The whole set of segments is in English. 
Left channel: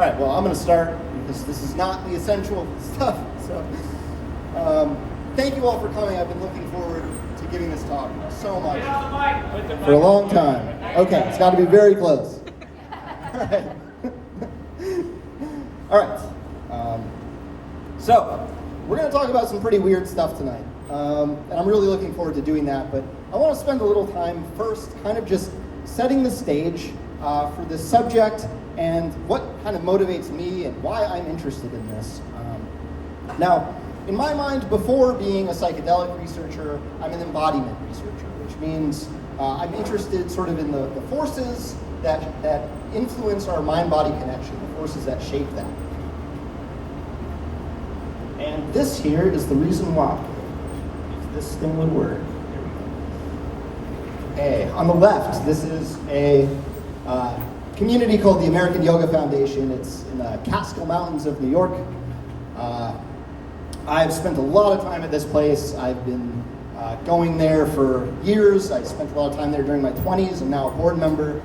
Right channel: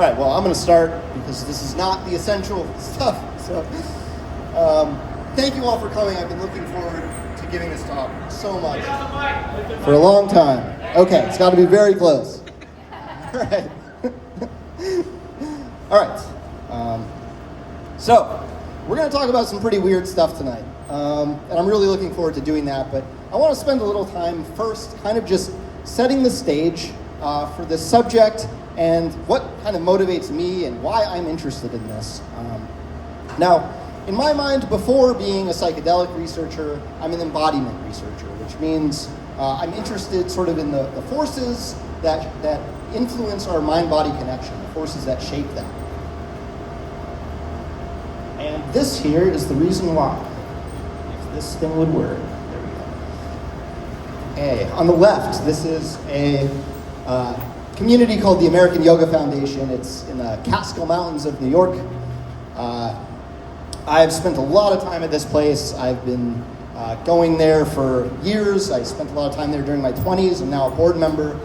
All right, well, I'm going to start because this is not the essential stuff. So, thank you all for coming. I've been looking forward to giving this talk so much for a long time. Okay, it's got to be very close. All right. All right. So, we're going to talk about some pretty weird stuff tonight. And I'm really looking forward to doing that, but I want to spend a little time first kind of just setting the stage for this subject and what kind of motivates me and why I'm interested in this. Now, in my mind, before being a psychedelic researcher, I'm an embodiment researcher, which means I'm interested sort of in the forces that influence our mind-body connection, the forces that shape that. And this here is the reason why. If this thing would work. There we go. On the left, this is a community called the American Yoga Foundation. It's in the Catskill Mountains of New York. I've spent a lot of time at this place. I've been going there for years. I spent a lot of time there during my 20s. I'm now a board member.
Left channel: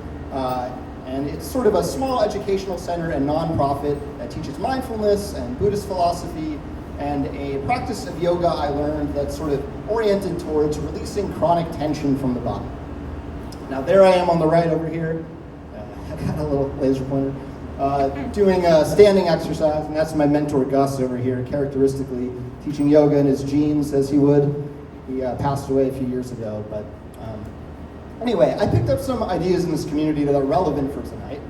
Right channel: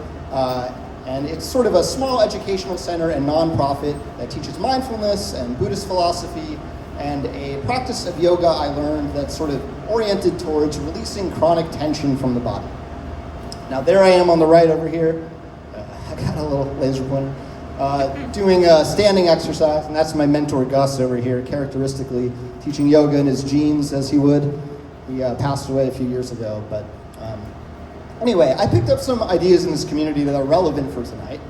And it's sort of a small educational center and nonprofit that teaches mindfulness and Buddhist philosophy and a practice of yoga I learned that's sort of oriented towards releasing chronic tension from the body. Now there I am on the right over here. I got a little laser pointer. Doing a standing exercise, and that's my mentor Gus over here, characteristically teaching yoga in his jeans as he would. He passed away a few years ago, but anyway, I picked up some ideas in this community that are relevant for tonight,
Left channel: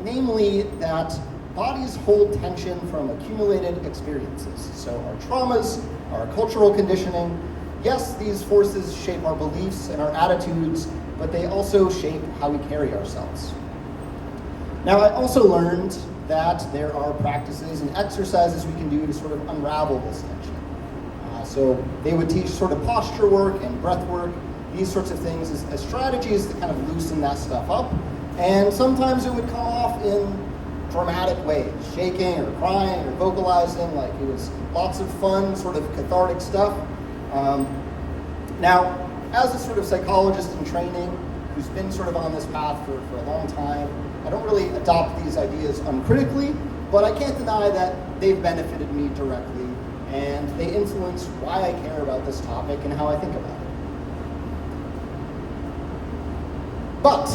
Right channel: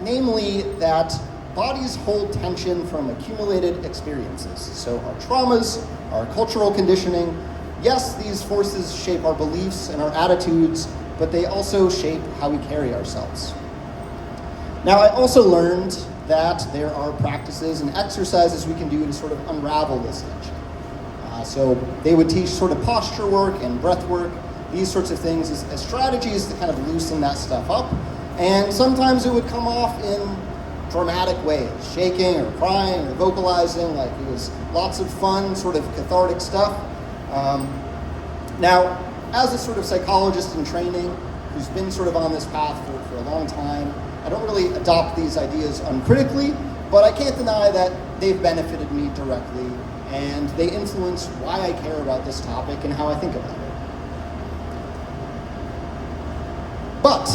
namely that bodies hold tension from accumulated experiences. So our traumas, our cultural conditioning, yes, these forces shape our beliefs and our attitudes, but they also shape how we carry ourselves. Now, I also learned that there are practices and exercises we can do to sort of unravel this tension. So they would teach sort of posture work and breath work, these sorts of things as strategies to kind of loosen that stuff up. And sometimes it would come off in dramatic ways, shaking or crying or vocalizing, like it was lots of fun, sort of cathartic stuff. Now, as a sort of psychologist in training, who's been sort of on this path for a long time, I don't really adopt these ideas uncritically, but I can't deny that they've benefited me directly, and they influence why I care about this topic and how I think about it. But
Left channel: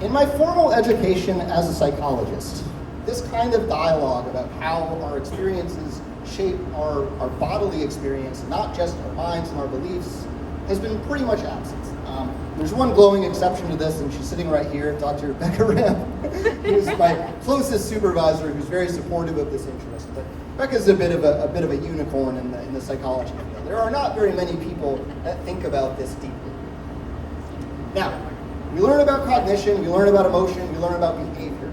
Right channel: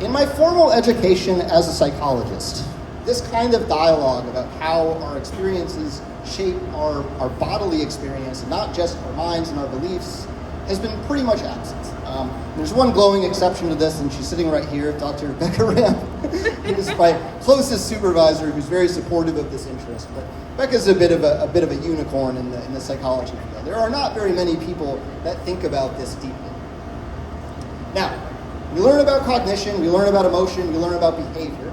in my formal education as a psychologist, this kind of dialogue about how our experiences shape our bodily experience, not just our minds and our beliefs, has been pretty much absent. There's one glowing exception to this, and she's sitting right here, Dr. Becca Ram, who's my closest supervisor, who's very supportive of this interest. But Becca's a bit of a unicorn in the psychology field. There are not very many people that think about this deeply. Now, we learn about cognition, we learn about emotion, we learn about behavior.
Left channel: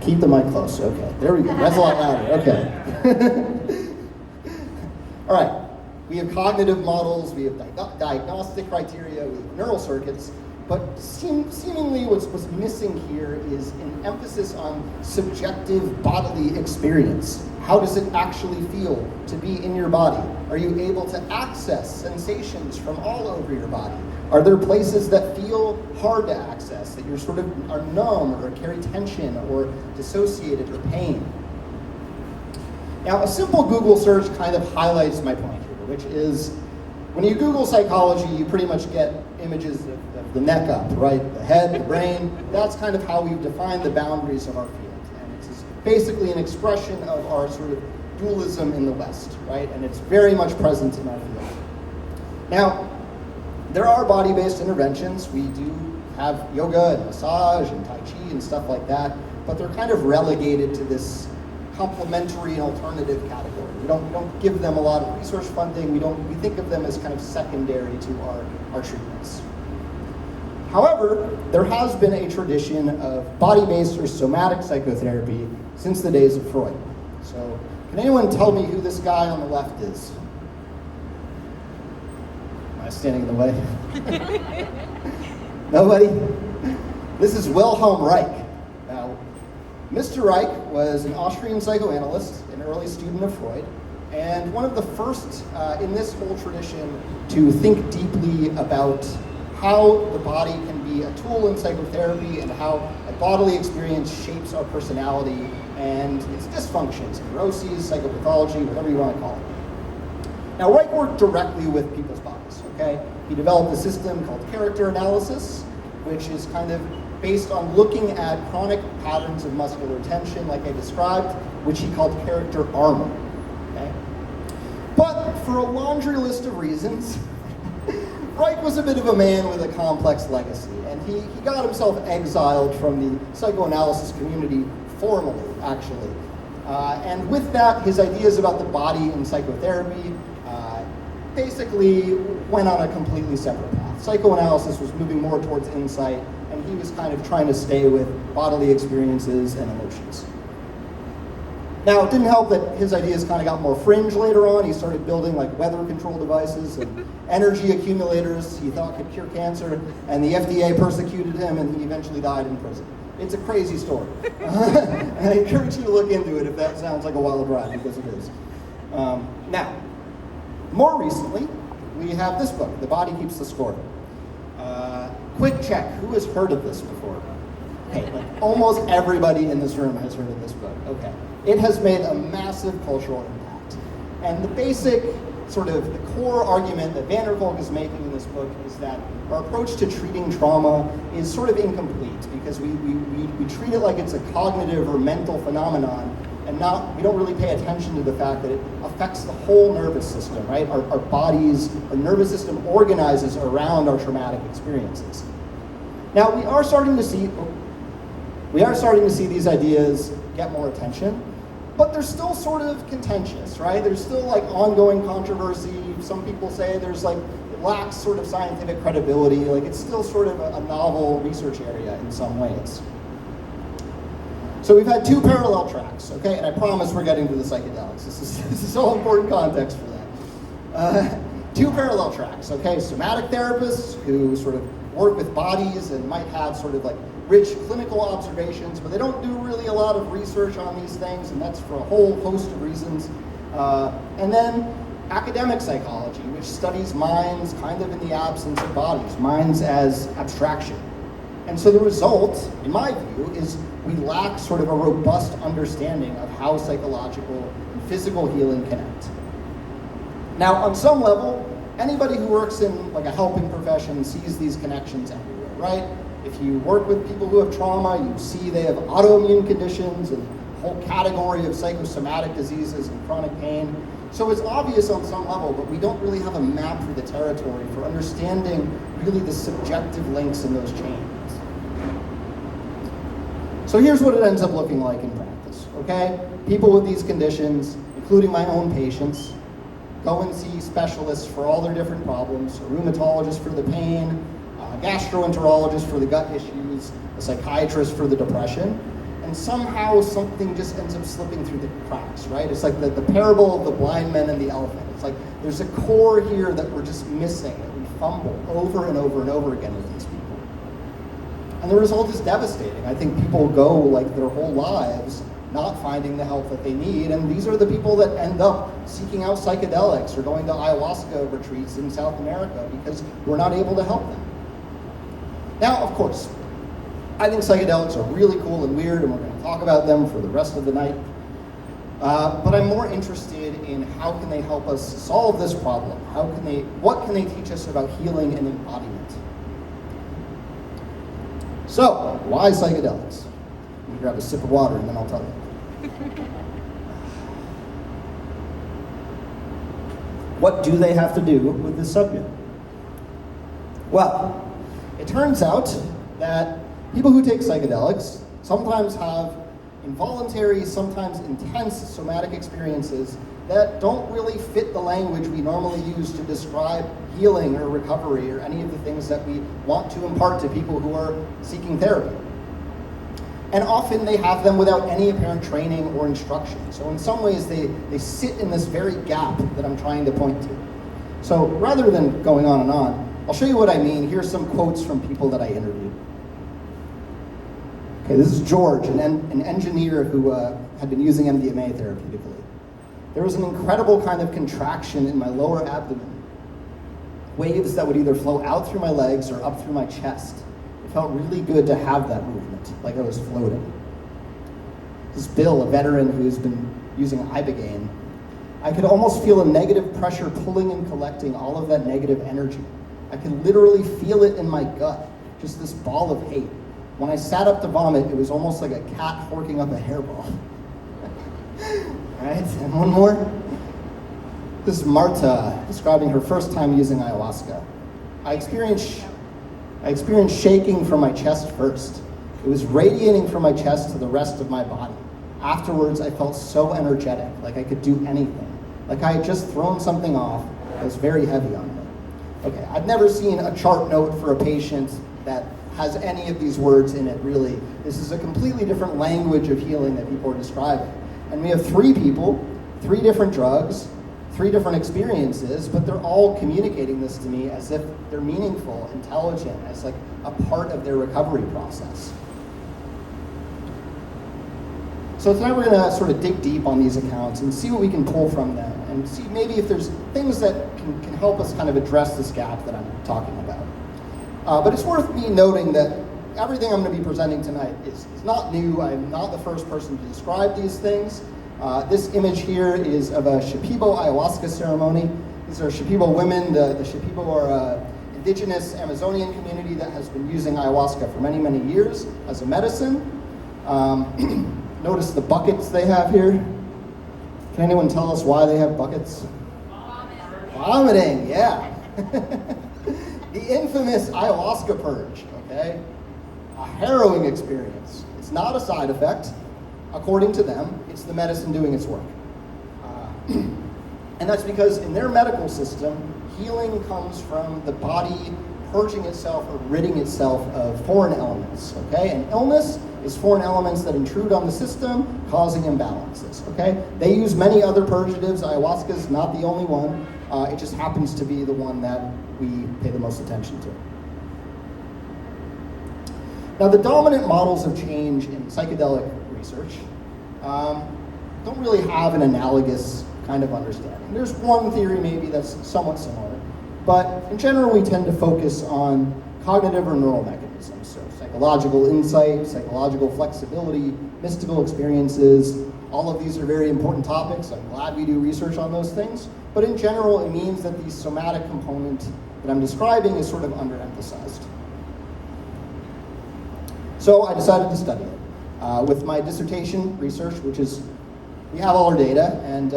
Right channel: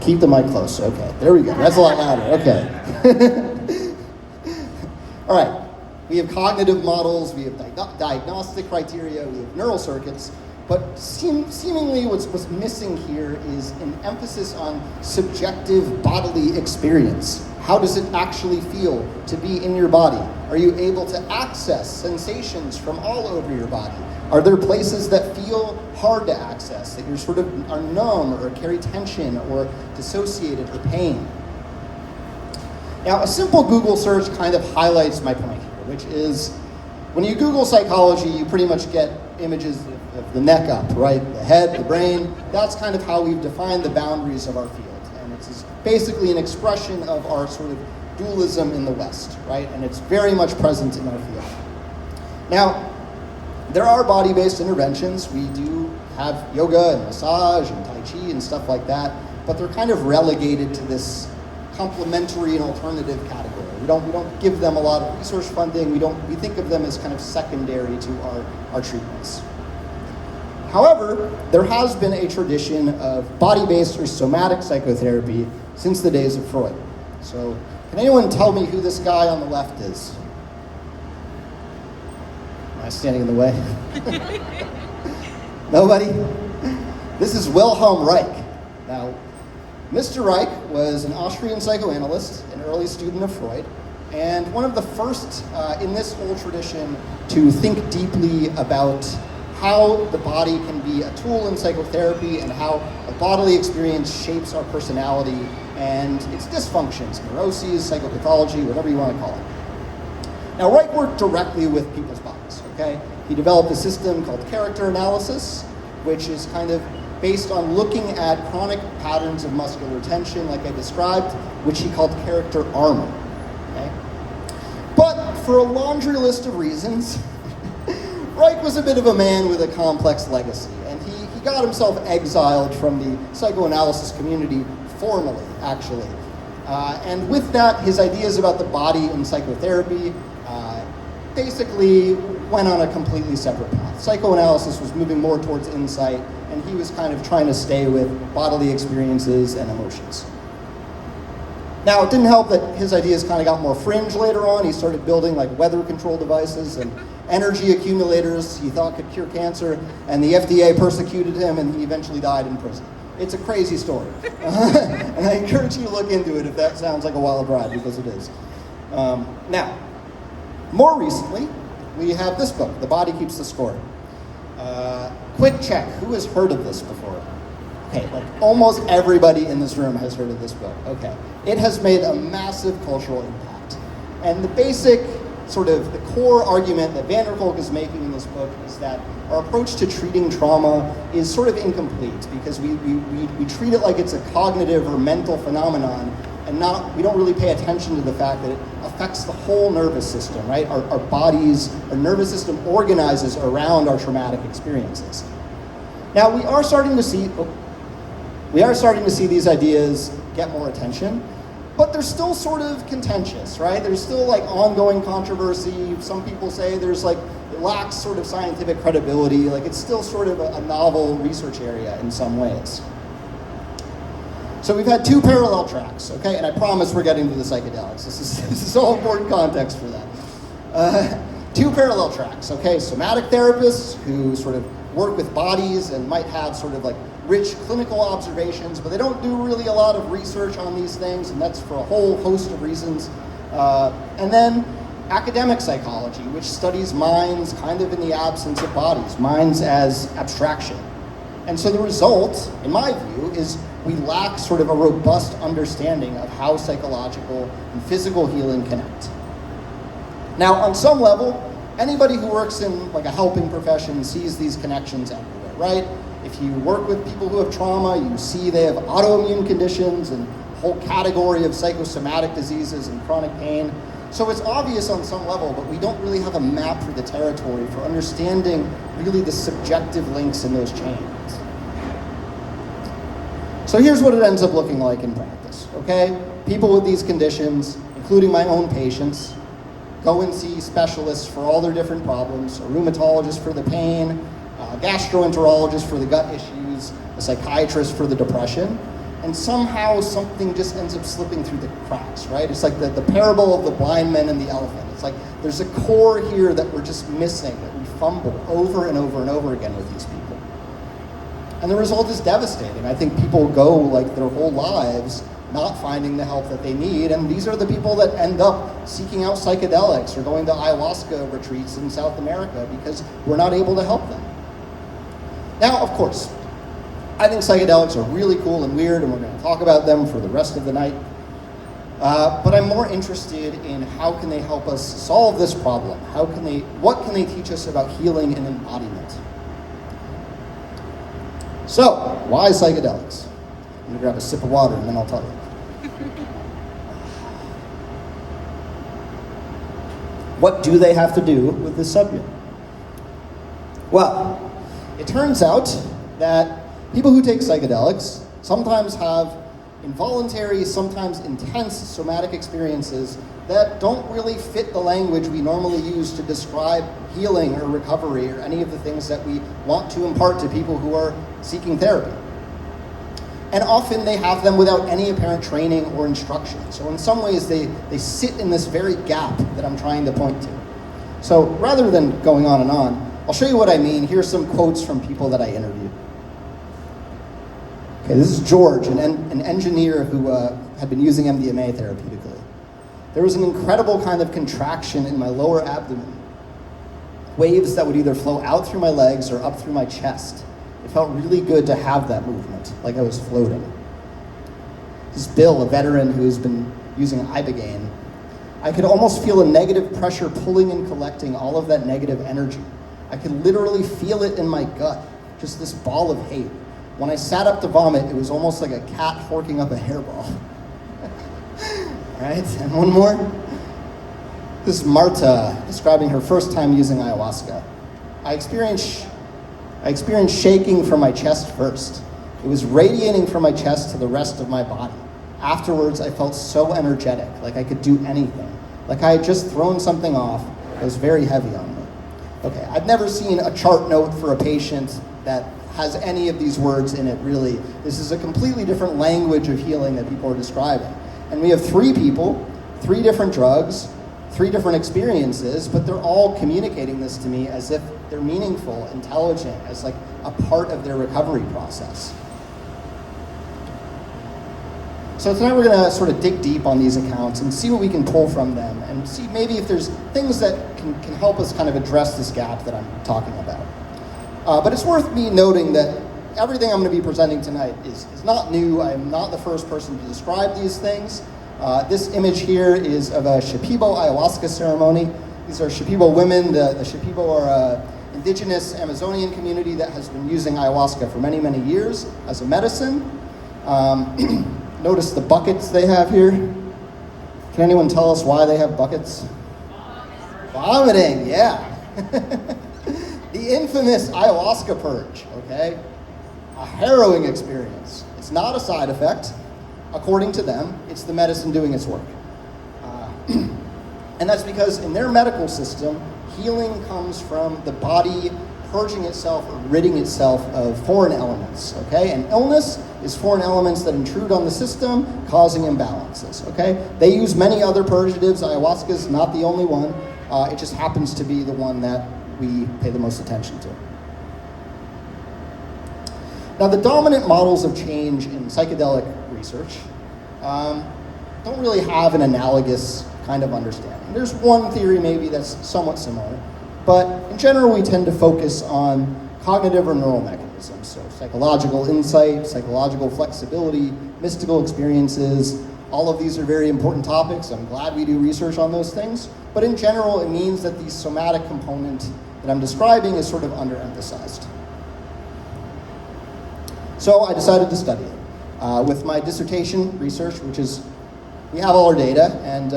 Keep the mic close. Okay, there we go. That's a lot louder. Okay. All right. We have cognitive models, we have diagnostic criteria, we have neural circuits, but seemingly what's missing here is an emphasis on subjective bodily experience. How does it actually feel to be in your body? Are you able to access sensations from all over your body? Are there places that feel hard to access, that you sort of are numb or carry tension or dissociated or pain? Now, a simple Google search kind of highlights my point here, which is when you Google psychology, you pretty much get images of the neck up, right? The head, the brain. That's kind of how we've defined the boundaries of our field. And it's basically an expression of our sort of dualism in the West, right? And it's very much present in our field. Now, there are body-based interventions. We do have yoga and massage and tai chi and stuff like that, but they're kind of relegated to this complementary and alternative category. We don't give them a lot of research funding. We think of them as kind of secondary to our treatments. However, there has been a tradition of body-based or somatic psychotherapy since the days of Freud. So, can anyone tell me who this guy on the left is? Am I standing in the way? Nobody? This is Wilhelm Reich. Now, Mr. Reich was an Austrian psychoanalyst, an early student of Freud, and one of the first in this whole tradition to think deeply about how the body can be a tool in psychotherapy and how a bodily experience shapes our personality and its dysfunctions, neuroses, psychopathology, whatever you want to call it. Now, Reich worked directly with people's bodies, okay? He developed a system called character analysis, which is kind of based on looking at chronic patterns of muscular tension, like I described, which he called character armor, okay? But for a laundry list of reasons, Reich was a bit of a man with a complex legacy, and he got himself exiled from the psychoanalysis community formally, actually. And with that, his ideas about the body in psychotherapy basically went on a completely separate path. Psychoanalysis was moving more towards insight, and he was kind of trying to stay with bodily experiences and emotions. Now, it didn't help that his ideas kind of got more fringe later on. He started building like weather control devices and energy accumulators he thought could cure cancer, and the FDA persecuted him, and he eventually died in prison. It's a crazy story. And I encourage you to look into it if that sounds like a wild ride, because it is. Now, more recently, we have this book, The Body Keeps the Score. Quick check, who has heard of this before? Okay, like almost everybody in this room has heard of this book. Okay. It has made a massive cultural impact. And the basic, sort of the core argument that Van der Kolk is making in this book is that our approach to treating trauma is sort of incomplete because we treat it like it's a cognitive or mental phenomenon, and we don't really pay attention to the fact that it affects the whole nervous system, right? Our bodies, our nervous system organizes around our traumatic experiences. Now, we are starting to see these ideas get more attention, but they're still sort of contentious, right? There's still like ongoing controversy. Some people say there's like, it lacks sort of scientific credibility. Like it's still sort of a novel research area in some ways. So we've had two parallel tracks, okay? And I promise we're getting to the psychedelics. This is all important context for that. Two parallel tracks, okay? Somatic therapists who sort of work with bodies and might have sort of like rich clinical observations, but they don't do really a lot of research on these things, and that's for a whole host of reasons. And then academic psychology, which studies minds kind of in the absence of bodies, minds as abstraction. And so the result, in my view, is we lack sort of a robust understanding of how psychological and physical healing connect. Now, on some level, anybody who works in like a helping profession sees these connections everywhere, right? If you work with people who have trauma, you see they have autoimmune conditions and a whole category of psychosomatic diseases and chronic pain. So it's obvious on some level, but we don't really have a map for the territory for understanding really the subjective links in those chains. So here's what it ends up looking like in practice, okay? People with these conditions, including my own patients, go and see specialists for all their different problems, a rheumatologist for the pain, a gastroenterologist for the gut issues, a psychiatrist for the depression, and somehow something just ends up slipping through the cracks, right? It's like the parable of the blind men and the elephant. It's like there's a core here that we're just missing, that we fumble over and over and over again with these people. And the result is devastating. I think people go like their whole lives not finding the help that they need, and these are the people that end up seeking out psychedelics or going to ayahuasca retreats in South America because we're not able to help them. Now, of course, I think psychedelics are really cool and weird, and we're going to talk about them for the rest of the night. But I'm more interested in how can they help us solve this problem? What can they teach us about healing and embodiment? So, why psychedelics? I'm going to grab a sip of water and then I'll tell you. What do they have to do with this subject? Well, it turns out that people who take psychedelics sometimes have involuntary, sometimes intense somatic experiences that don't really fit the language we normally use to describe healing or recovery or any of the things that we want to impart to people who are seeking therapy. And often they have them without any apparent training or instruction. So in some ways they sit in this very gap that I'm trying to point to. So rather than going on and on, I'll show you what I mean. Here's some quotes from people that I interviewed. Okay, this is George, an engineer who had been using MDMA therapeutically. There was an incredible kind of contraction in my lower abdomen. waves that would either flow out through my legs or up through my chest. It felt really good to have that movement, like I was floating. This Bill, a veteran who has been using Ibogaine, I could almost feel a negative pressure pulling and collecting all of that negative energy. I could literally feel it in my gut, just this ball of hate. When I sat up to vomit, it was almost like a cat forking up a hairball. Right, and one more. This is Marta describing her first time using ayahuasca. I experienced shaking from my chest first. It was radiating from my chest to the rest of my body. Afterwards, I felt so energetic, like I could do anything. Like I had just thrown something off that was very heavy on me. Okay, I've never seen a chart note for a patient that has any of these words in it, really. This is a completely different language of healing that people are describing. And we have 3 people, 3 different drugs, 3 different experiences, but they're all communicating this to me as if they're meaningful, intelligent, as like a part of their recovery process. So tonight we're gonna sort of dig deep on these accounts and see what we can pull from them and see maybe if there's things that can help us kind of address this gap that I'm talking about. But it's worth me noting that everything I'm gonna be presenting tonight is not new. I'm not the first person to describe these things. This image here is of a Shipibo ayahuasca ceremony. These are Shipibo women. The Shipibo are an indigenous Amazonian community that has been using ayahuasca for many, many years as a medicine. Notice the buckets they have here. Can anyone tell us why they have buckets? Vomiting, yeah. The infamous ayahuasca purge, okay? A harrowing experience. It's not a side effect. According to them, it's the medicine doing its work. And that's because in their medical system, healing comes from the body purging itself or ridding itself of foreign elements, okay? And illness is foreign elements that intrude on the system, causing imbalances, okay? They use many other purgatives. Ayahuasca is not the only one. It just happens to be the one that we pay the most attention to. Now, the dominant models of change in psychedelic research don't really have an analogous kind of understanding. There's one theory maybe that's somewhat similar, but in general we tend to focus on cognitive or neural mechanisms, so psychological insight, psychological flexibility, mystical experiences. All of these are very important topics. I'm glad we do research on those things, but in general it means that the somatic component that I'm describing is sort of underemphasized. So I decided to study it. With my dissertation research, which is, we have all our data, and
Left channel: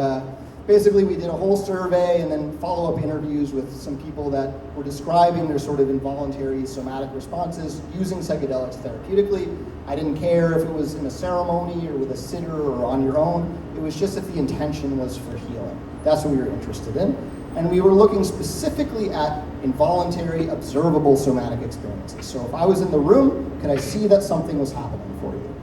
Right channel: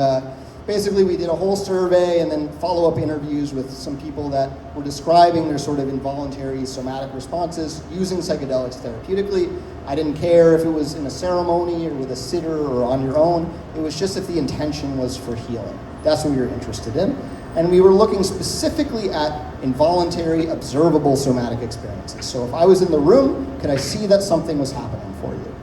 basically we did a whole survey and then follow-up interviews with some people that were describing their sort of involuntary somatic responses using psychedelics therapeutically. I didn't care if it was in a ceremony or with a sitter or on your own. It was just if the intention was for healing. That's what we were interested in. And we were looking specifically at involuntary, observable somatic experiences. So if I was in the room, could I see that something was happening for you?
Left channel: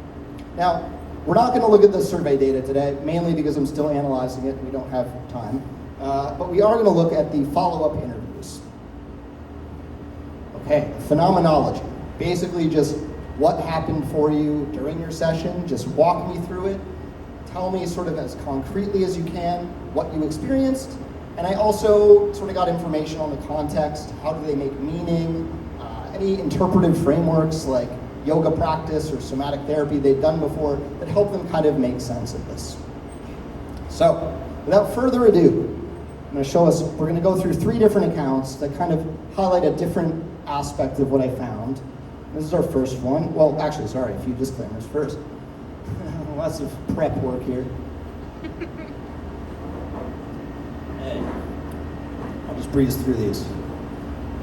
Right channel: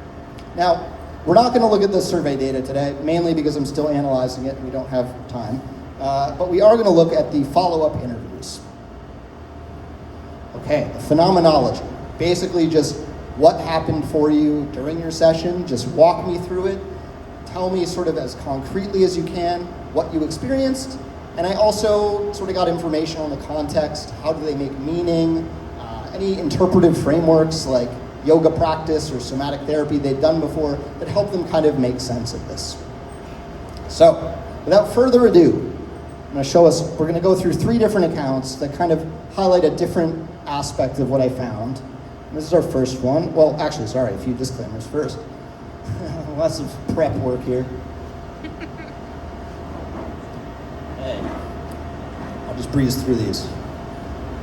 Now, we're not going to look at the survey data today, mainly because I'm still analyzing it and we don't have time. But we are going to look at the follow-up interviews. Okay, the phenomenology. Basically just what happened for you during your session. Just walk me through it. Tell me sort of as concretely as you can what you experienced. And I also sort of got information on the context. How do they make meaning? Any interpretive frameworks like yoga practice or somatic therapy they'd done before that help them kind of make sense of this. So, without further ado, I'm going to show us, we're going to go through 3 different accounts that kind of highlight a different aspect of what I found. This is our first one. Well, actually, sorry, a few disclaimers first. Lots of prep work here. Hey, I'll just breeze through these.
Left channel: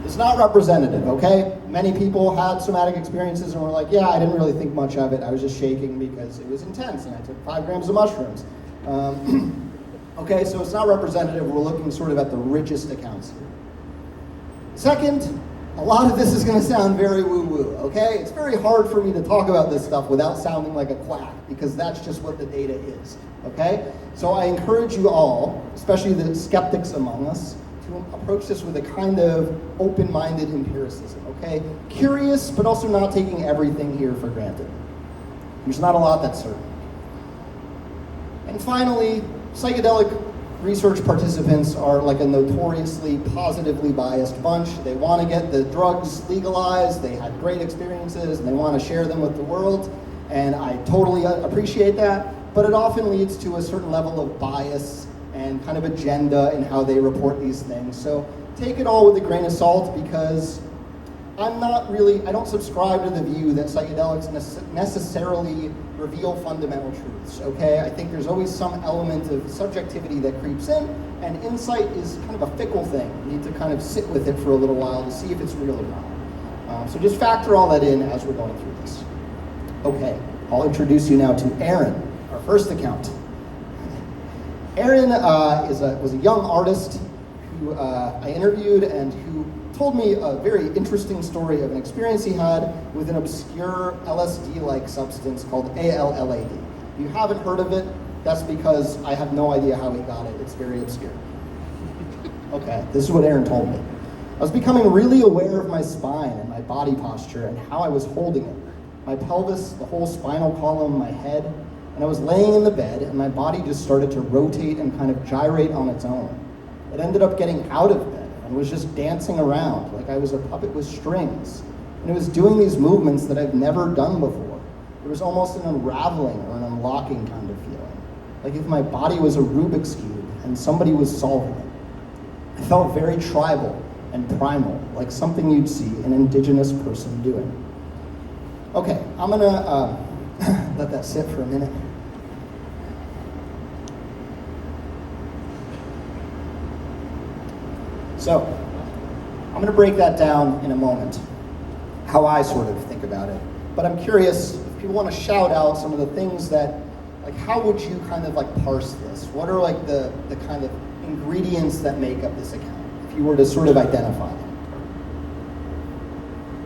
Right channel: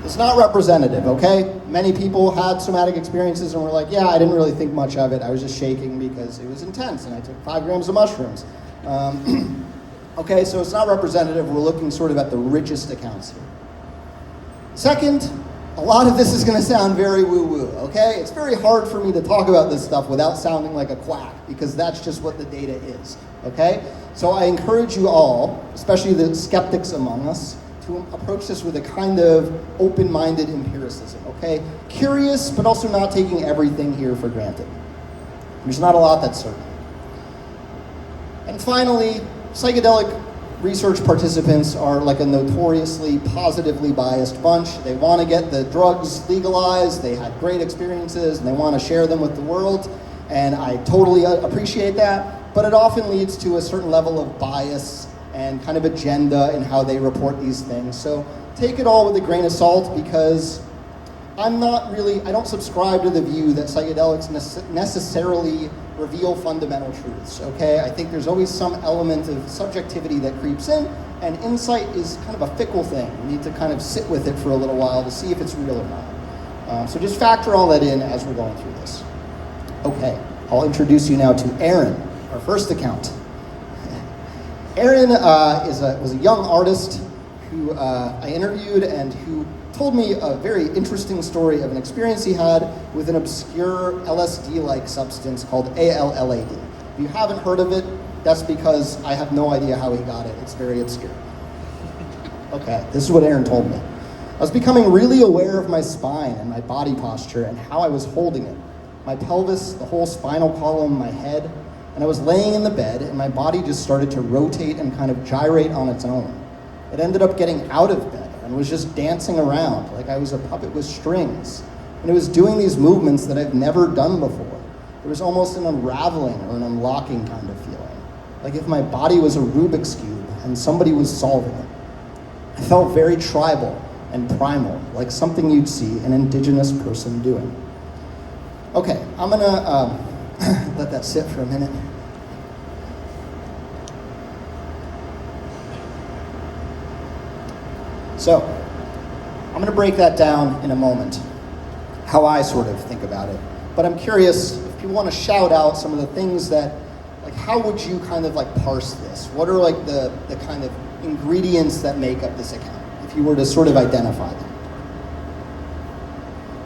It's not representative, okay? Many people had somatic experiences and were like, yeah, I didn't really think much of it. I was just shaking because it was intense and I took 5 grams of mushrooms. Okay, so it's not representative. We're looking sort of at the richest accounts here. Second, a lot of this is gonna sound very woo-woo, okay? It's very hard for me to talk about this stuff without sounding like a quack because that's just what the data is, okay? So I encourage you all, especially the skeptics among us, to approach this with a kind of open-minded empiricism, okay? Curious, but also not taking everything here for granted. There's not a lot that's certain. And finally, psychedelic research participants are like a notoriously positively biased bunch. They want to get the drugs legalized, they had great experiences, and they want to share them with the world, and I totally appreciate that, but it often leads to a certain level of bias and kind of agenda in how they report these things. So take it all with a grain of salt, because I don't subscribe to the view that psychedelics necessarily reveal fundamental truths, okay? I think there's always some element of subjectivity that creeps in, and insight is kind of a fickle thing. You need to kind of sit with it for a little while to see if it's real or not. So just factor all that in as we're going through this. Okay, I'll introduce you now to Aaron, our first account. Aaron was a young artist who I interviewed and who told me a very interesting story of an experience he had with an obscure LSD-like substance called ALLAD. If you haven't heard of it, that's because I have no idea how he got it. It's very obscure. Okay, this is what Aaron told me. I was becoming really aware of my spine and my body posture and how I was holding it. My pelvis, the whole spinal column, my head, and I was laying in the bed and my body just started to rotate and kind of gyrate on its own. It ended up getting out of bed and was just dancing around like I was a puppet with strings. And it was doing these movements that I've never done before. It was almost an unraveling or an unlocking kind of feeling. Like if my body was a Rubik's Cube and somebody was solving it. I felt very tribal and primal, like something you'd see an indigenous person doing. Okay, I'm gonna let that sit for a minute. So, I'm going to break that down in a moment, how I sort of think about it. But I'm curious if people want to shout out some of the things that, like, how would you kind of like parse this? What are like the kind of ingredients that make up this account, if you were to sort of identify them?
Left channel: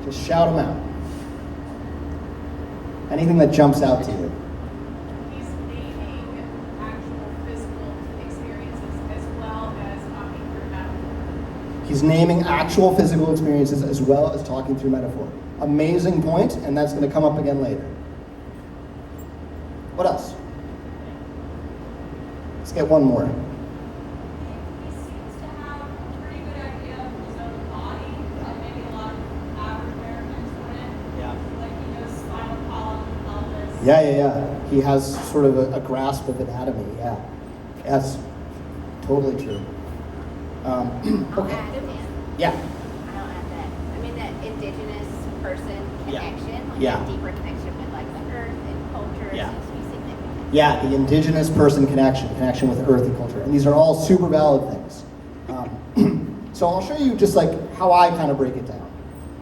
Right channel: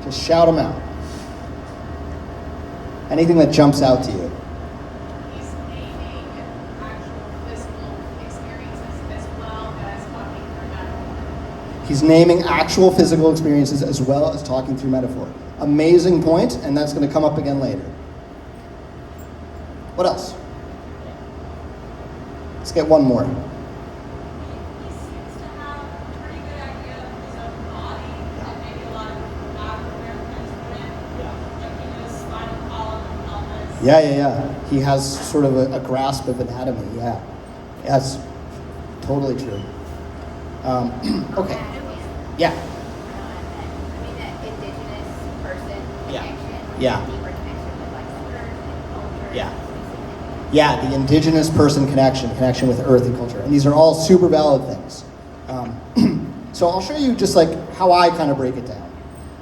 Just shout them out. Anything that jumps out to you. He's naming actual physical experiences as well as talking through metaphor. Amazing point, and that's going to come up again later. What else? Let's get one more. He seems to have a pretty good idea of his own body, that maybe a lot of non-Americans wouldn't. Yeah. Like he knows spinal column and pelvis. Yeah. He has sort of a grasp of anatomy, yeah. That's totally true. Okay. Yeah. I mean, the indigenous person connection. Yeah. Deeper connection with like the earth and culture. Yeah. Specific. Yeah, the indigenous person connection with earth and culture. And these are all super valid things. So I'll show you just like how I kind of break it down.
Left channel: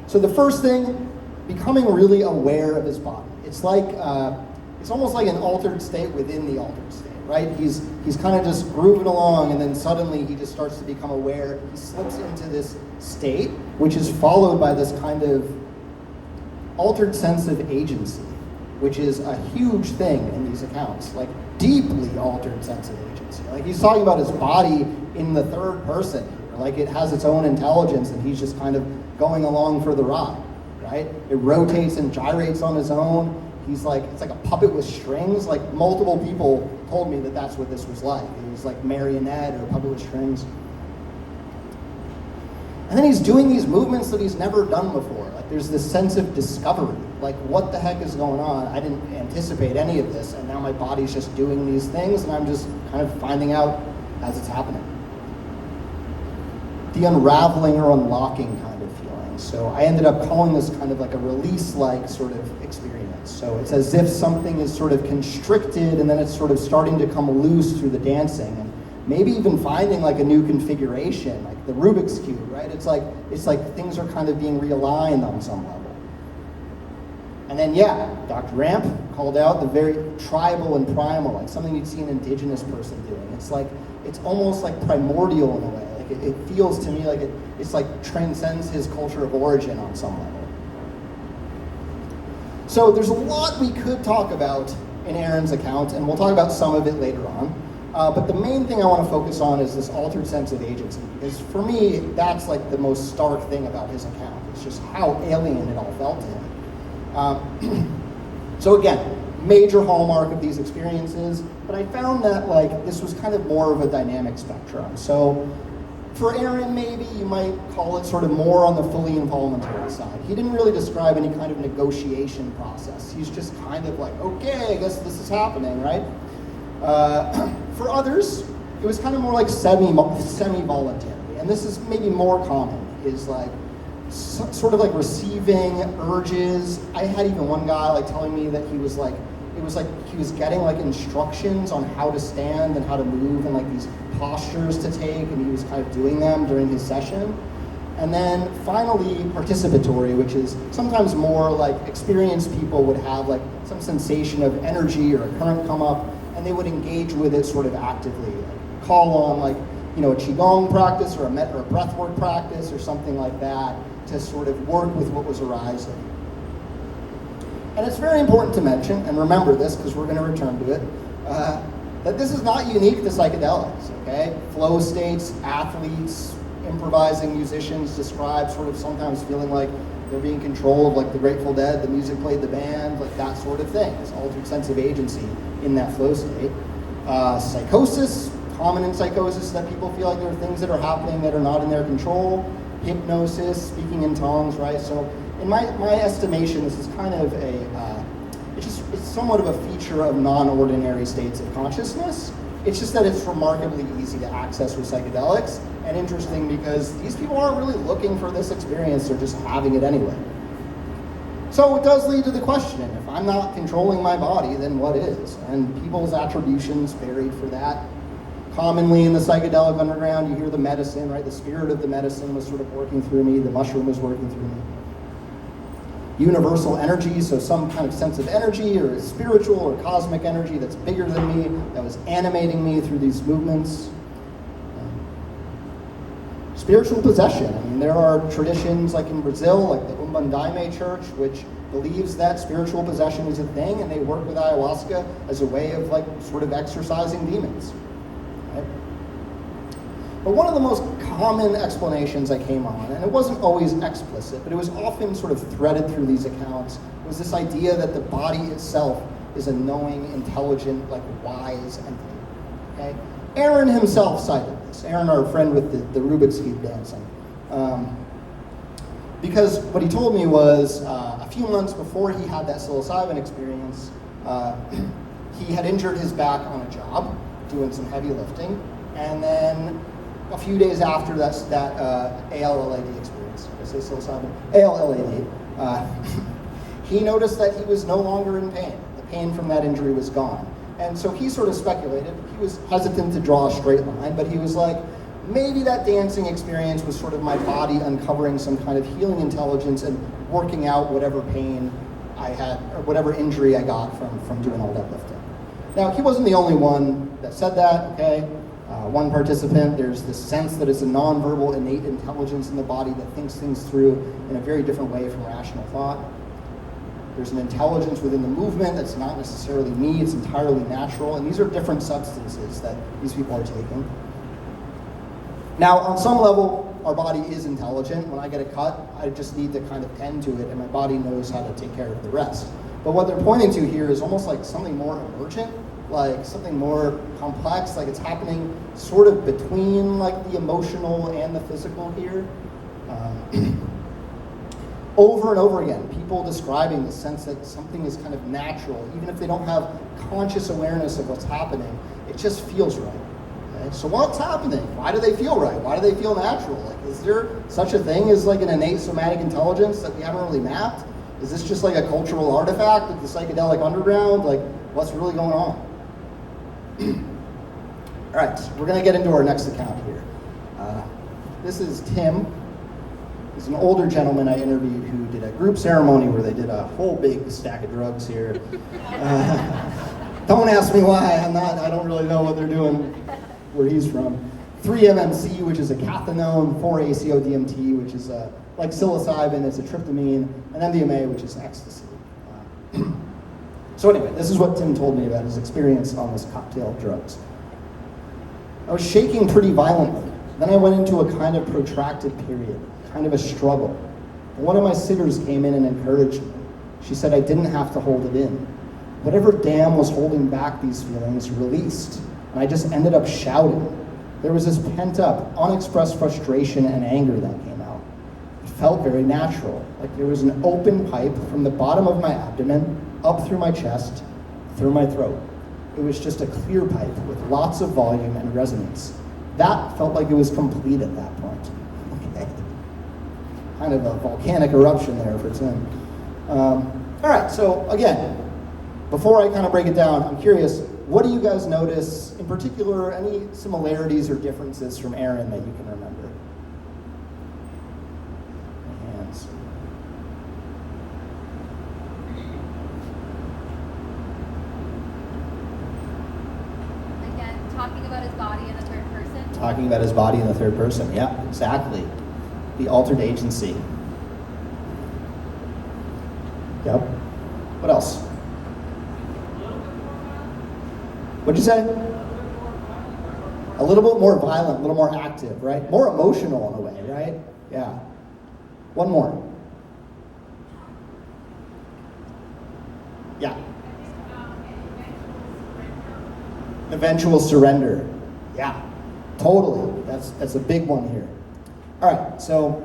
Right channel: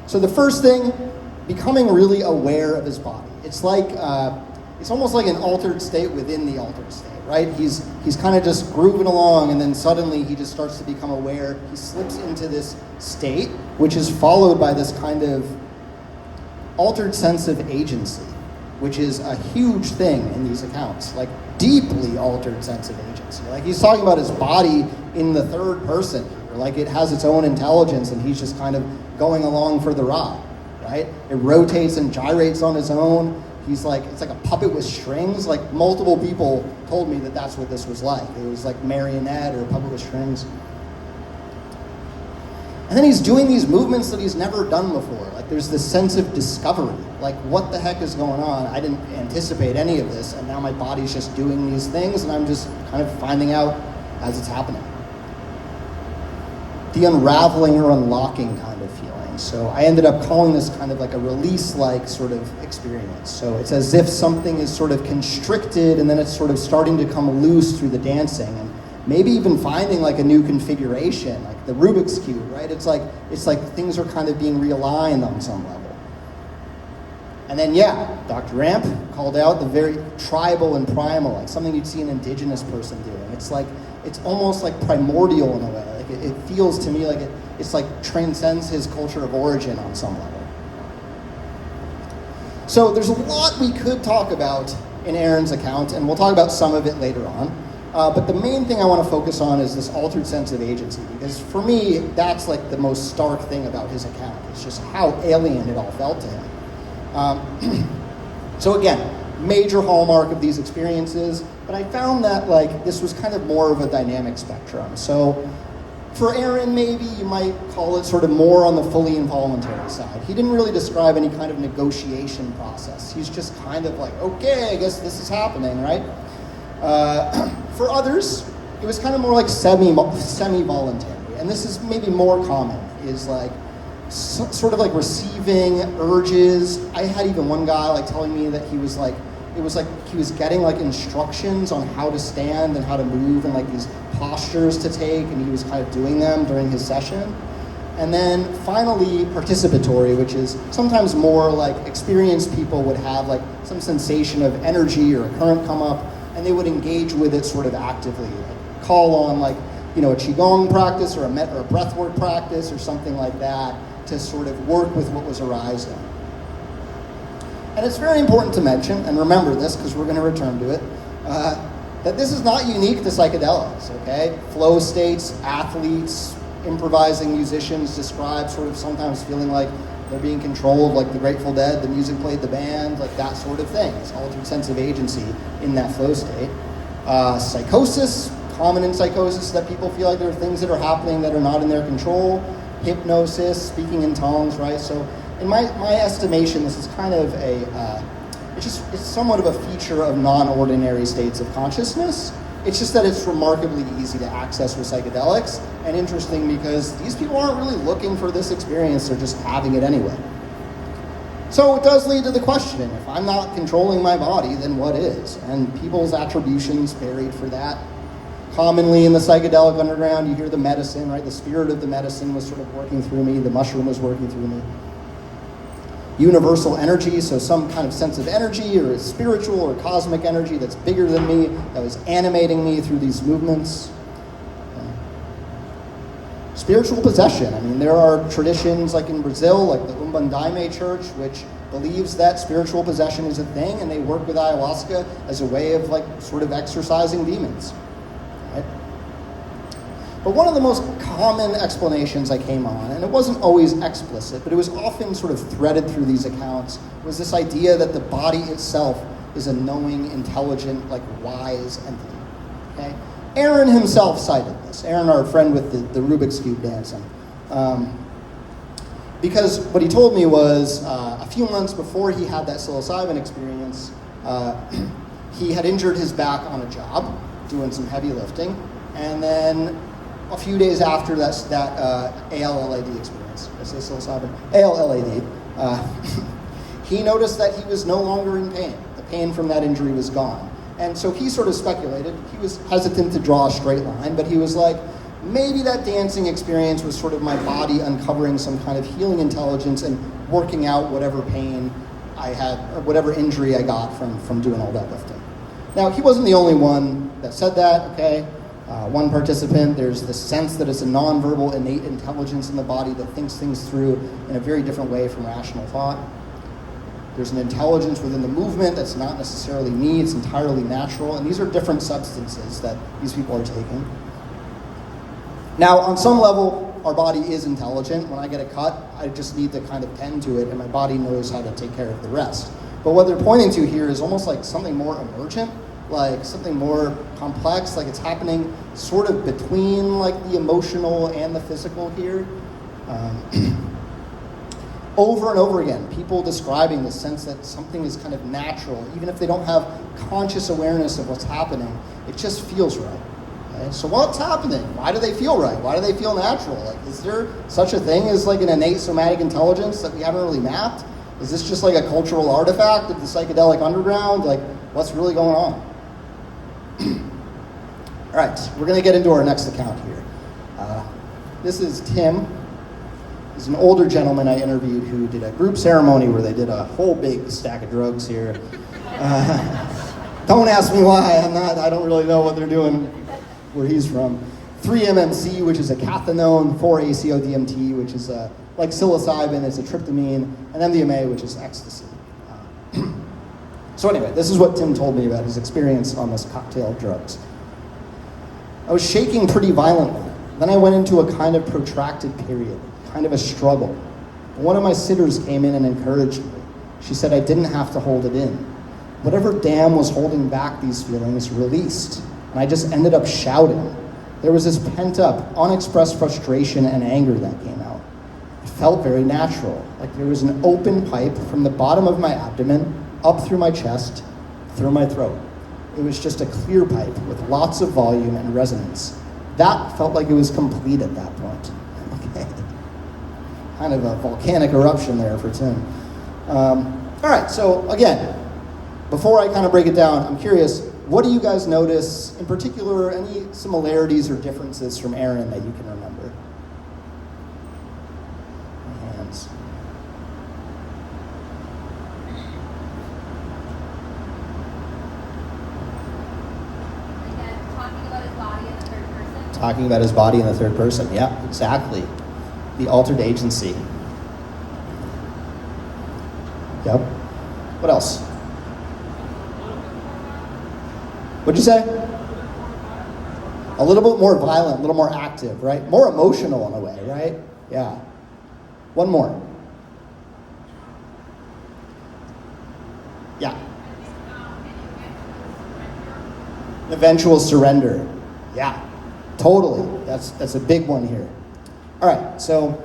So the first thing, becoming really aware of his body. It's like, it's almost like an altered state within the altered state, right? He's kind of just grooving along, and then suddenly he just starts to become aware. He slips into this state, which is followed by this kind of altered sense of agency, which is a huge thing in these accounts, like deeply altered sense of agency. Like he's talking about his body in the third person, like it has its own intelligence and he's just kind of going along for the ride, right? It rotates and gyrates on its own. He's like, it's like a puppet with strings. Like multiple people told me that that's what this was like. It was like marionette or a puppet with strings. And then he's doing these movements that he's never done before. Like there's this sense of discovery. Like what the heck is going on? I didn't anticipate any of this, and now my body's just doing these things, and I'm just kind of finding out as it's happening. The unraveling or unlocking kind of feeling. So I ended up calling this kind of like a release-like sort of experience. So it's as if something is sort of constricted, and then it's sort of starting to come loose through the dancing, and maybe even finding like a new configuration, like the Rubik's Cube, right? It's like things are kind of being realigned on some level. And then yeah, Dr. Ramp called out the very tribal and primal, like something you'd see an indigenous person doing. It's almost like primordial in a way. Like it feels to me like it's like transcends his culture of origin on some level. So there's a lot we could talk about in Aaron's account, and we'll talk about some of it later on. But the main thing I want to focus on is this altered sense of agency, because for me, that's like the most stark thing about his account. It's just how alien it all felt to him. So again, major hallmark of these experiences, but I found that like this was kind of more of a dynamic spectrum. So for Aaron, maybe you might call it sort of more on the fully involuntary side. He didn't really describe any kind of negotiation process. He's just kind of like, okay, I guess this is happening, right? For others, it was kind of more like semi-voluntary, and this is maybe more common, is like sort of like receiving urges. I had even one guy like telling me that he was like, it was like he was getting like instructions on how to stand and how to move and like these postures to take, and he was kind of doing them during his session. And then finally participatory, which is sometimes more like experienced people would have like some sensation of energy or a current come up, and they would engage with it sort of actively, like call on like, you know, a qigong practice or a breathwork practice or something like that to sort of work with what was arising. And it's very important to mention, and remember this because we're going to return to it, that this is not unique to psychedelics, okay? Flow states, athletes, improvising musicians describe sort of sometimes feeling like they're being controlled, like the Grateful Dead, the music played the band, like that sort of thing. It's altered sense of agency in that flow state. Psychosis, common in psychosis that people feel like there are things that are happening that are not in their control. Hypnosis, speaking in tongues, right? So in my estimation, this is kind of it's somewhat of a feature of non-ordinary states of consciousness. It's just that it's remarkably easy to access with psychedelics, and interesting because these people aren't really looking for this experience, they're just having it anyway. So it does lead to the question, if I'm not controlling my body, then what is? And people's attributions varied for that. Commonly in the psychedelic underground, you hear the medicine, right? The spirit of the medicine was sort of working through me, the mushroom was working through me. Universal energy, so some kind of sense of energy or spiritual or cosmic energy that's bigger than me, that was animating me through these movements. Spiritual possession, I mean, there are traditions like in Brazil, like the Umbandaime church, which believes that spiritual possession is a thing, and they work with ayahuasca as a way of like sort of exorcising demons. But one of the most common explanations I came on, and it wasn't always explicit, but it was often sort of threaded through these accounts, was this idea that the body itself is a knowing, intelligent, like wise entity. Okay? Aaron himself cited this. Aaron, our friend with the Rubik's Cube dancing. Because what he told me was a few months before he had that psilocybin experience, he had injured his back on a job, doing some heavy lifting, and then a few days after that ALLAD experience, I say psilocybin, ALLAD, he noticed that he was no longer in pain. The pain from that injury was gone. And so he sort of speculated, he was hesitant to draw a straight line, but he was like, maybe that dancing experience was sort of my body uncovering some kind of healing intelligence and working out whatever pain I had, or whatever injury I got from doing all that lifting. Now, he wasn't the only one that said that, okay? One participant, there's this sense that it's a nonverbal innate intelligence in the body that thinks things through in a very different way from rational thought. There's an intelligence within the movement that's not necessarily me, it's entirely natural, and these are different substances that these people are taking. Now, on some level, our body is intelligent. When I get a cut, I just need to kind of tend to it, and my body knows how to take care of the rest. But what they're pointing to here is almost like something more emergent, like something more complex, like it's happening sort of between like the emotional and the physical here. Over and over again, people describing the sense that something is kind of natural, even if they don't have conscious awareness of what's happening, it just feels right. Right? So what's happening? Why do they feel right? Why do they feel natural? Like, is there such a thing as like an innate somatic intelligence that we haven't really mapped? Is this just like a cultural artifact of the psychedelic underground? Like, what's really going on? All right, we're going to get into our next account here. This is Tim. He's an older gentleman I interviewed who did a group ceremony where they did a whole big stack of drugs here. Don't ask me why. I don't really know what they're doing where he's from. 3-MMC, which is a cathinone, 4-ACO-DMT, which is like psilocybin, it's a tryptamine, and MDMA, which is ecstasy. So anyway, this is what Tim told me about his experience on this cocktail of drugs. I was shaking pretty violently. Then I went into a kind of protracted period, kind of a struggle. One of my sitters came in and encouraged me. She said I didn't have to hold it in. whatever dam was holding back these feelings released, and I just ended up shouting. There was this pent-up, unexpressed frustration and anger that came out. It felt very natural, like there was an open pipe from the bottom of my abdomen, up through my chest, through my throat. It was just a clear pipe with lots of volume and resonance. That felt like it was complete at that point. Okay. Kind of a volcanic eruption there for Tim. All right, so again, before I kind of break it down, I'm curious, what do you guys notice, in particular, any similarities or differences from Aaron that you can remember? Hands. Again, talking about his body in the third person. Talking about his body in the third person, yeah, exactly. The altered agency. Yep. What else? What'd you say? A little bit more violent, a little more active, right? More emotional in a way, right? Yeah. One more. Yeah. Eventual surrender. Yeah. Totally. That's a big one here. All right, so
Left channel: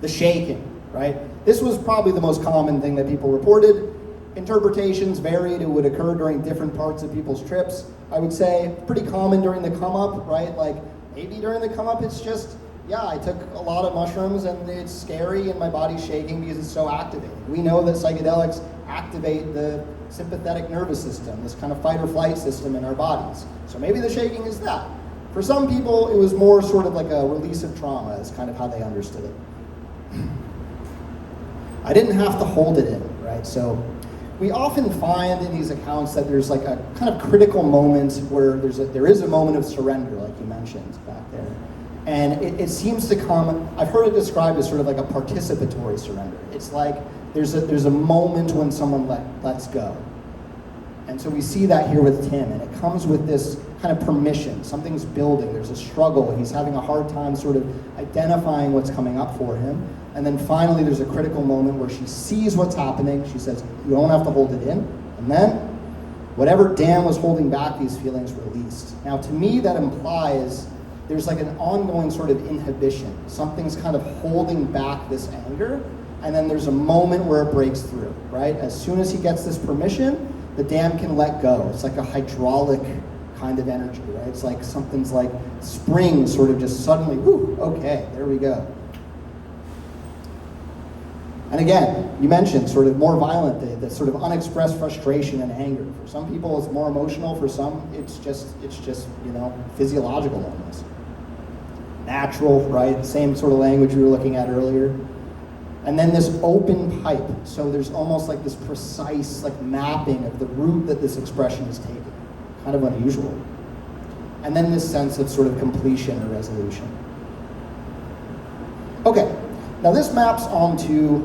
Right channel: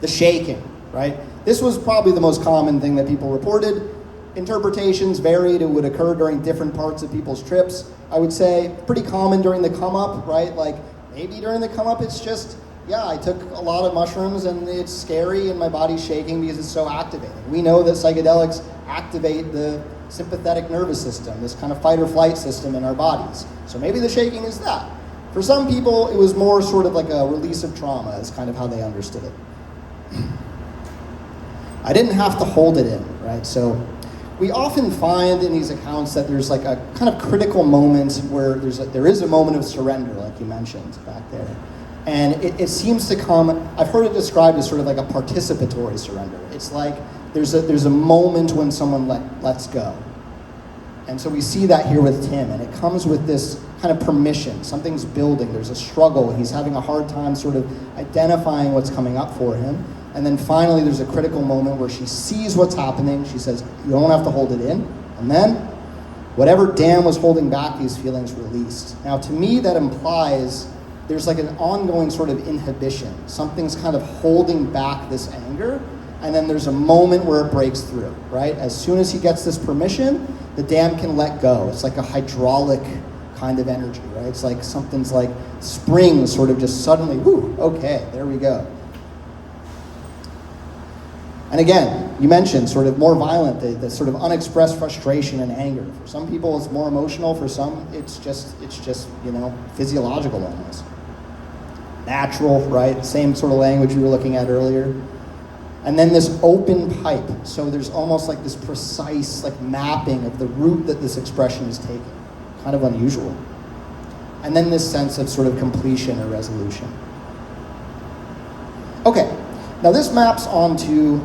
the shaking, right? This was probably the most common thing that people reported. Interpretations varied. It would occur during different parts of people's trips. I would say pretty common during the come up, right? Like maybe during the come up, it's just, yeah, I took a lot of mushrooms and it's scary and my body's shaking because it's so activated. We know that psychedelics activate the sympathetic nervous system, this kind of fight or flight system in our bodies. So maybe the shaking is that. For some people, it was more sort of like a release of trauma is kind of how they understood it. I didn't have to hold it in, right? So we often find in these accounts that there's like a kind of critical moment where there is a moment of surrender, like you mentioned back there. And it seems to come, I've heard it described as sort of like a participatory surrender. It's like there's a moment when someone lets go. And so we see that here with Tim, and it comes with this kind of permission. Something's building, there's a struggle, he's having a hard time sort of identifying what's coming up for him. And then finally there's a critical moment where she sees what's happening, she says, you don't have to hold it in. And then, whatever dam was holding back these feelings released. Now to me that implies there's like an ongoing sort of inhibition. Something's kind of holding back this anger, and then there's a moment where it breaks through, right? As soon as he gets this permission, the dam can let go. It's like a hydraulic kind of energy, right? It's like something's like springs sort of just suddenly, whoo, okay, there we go. And again, you mentioned sort of more violent, the sort of unexpressed frustration and anger. For some people it's more emotional, for some it's just, you know, physiological almost. Natural, right? Same sort of language we were looking at earlier. And then this open pipe. So there's almost like this precise like mapping of the route that this expression is taking. Kind of unusual. And then this sense of sort of completion or resolution. Okay, now this maps onto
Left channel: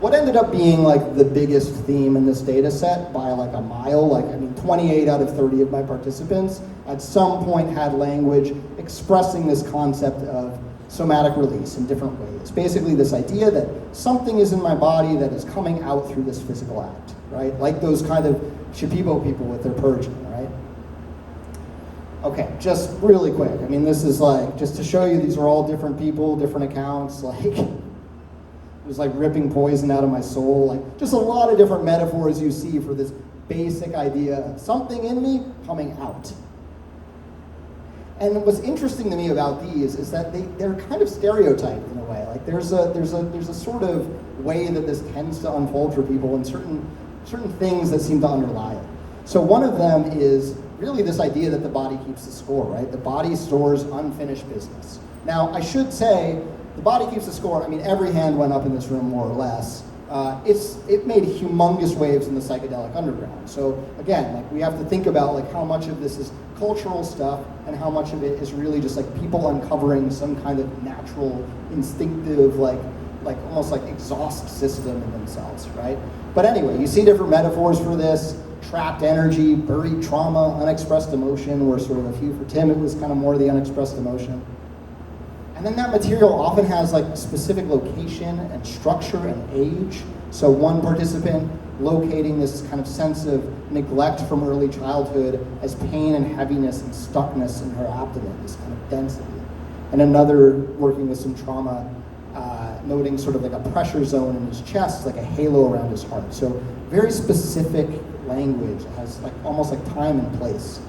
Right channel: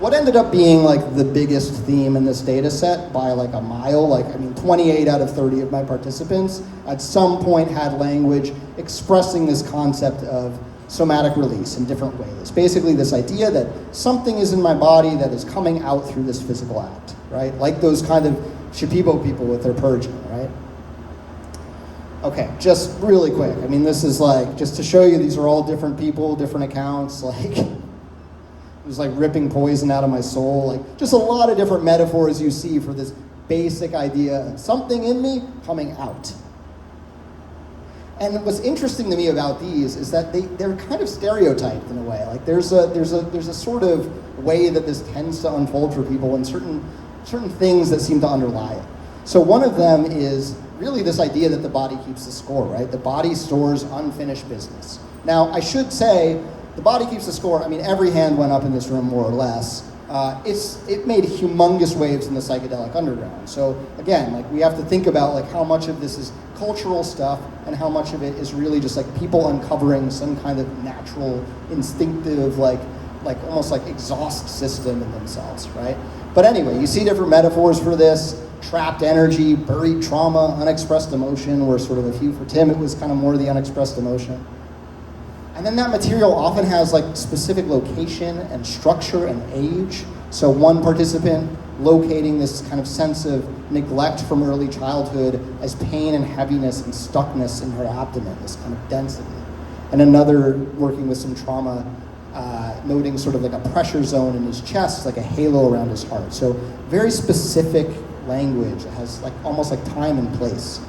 what ended up being like the biggest theme in this data set by like a mile. Like, I mean, 28 out of 30 of my participants at some point had language expressing this concept of somatic release in different ways. Basically this idea that something is in my body that is coming out through this physical act, right? Like those kind of Shipibo people with their purging, right? Okay, just really quick. I mean, this is like, just to show you, these are all different people, different accounts, like, it was like ripping poison out of my soul, like, just a lot of different metaphors you see for this basic idea of something in me coming out. And what's interesting to me about these is that they're kind of stereotyped in a way. Like there's a sort of way that this tends to unfold for people and certain things that seem to underlie it. So one of them is really this idea that the body keeps the score, right? The body stores unfinished business. Now, I should say, the body keeps the score. I mean, every hand went up in this room more or less. It made humongous waves in the psychedelic underground. So again, like we have to think about like how much of this is cultural stuff and how much of it is really just like people uncovering some kind of natural, instinctive, like almost like exhaust system in themselves, right? But anyway, you see different metaphors for this: trapped energy, buried trauma, unexpressed emotion were sort of a few. For Tim, it was kind of more the unexpressed emotion. And then that material often has like specific location and structure and age. So one participant locating this kind of sense of neglect from early childhood as pain and heaviness and stuckness in her abdomen, this kind of density. And another working with some trauma, noting sort of like a pressure zone in his chest, like a halo around his heart. So very specific language. It has like almost like time and place.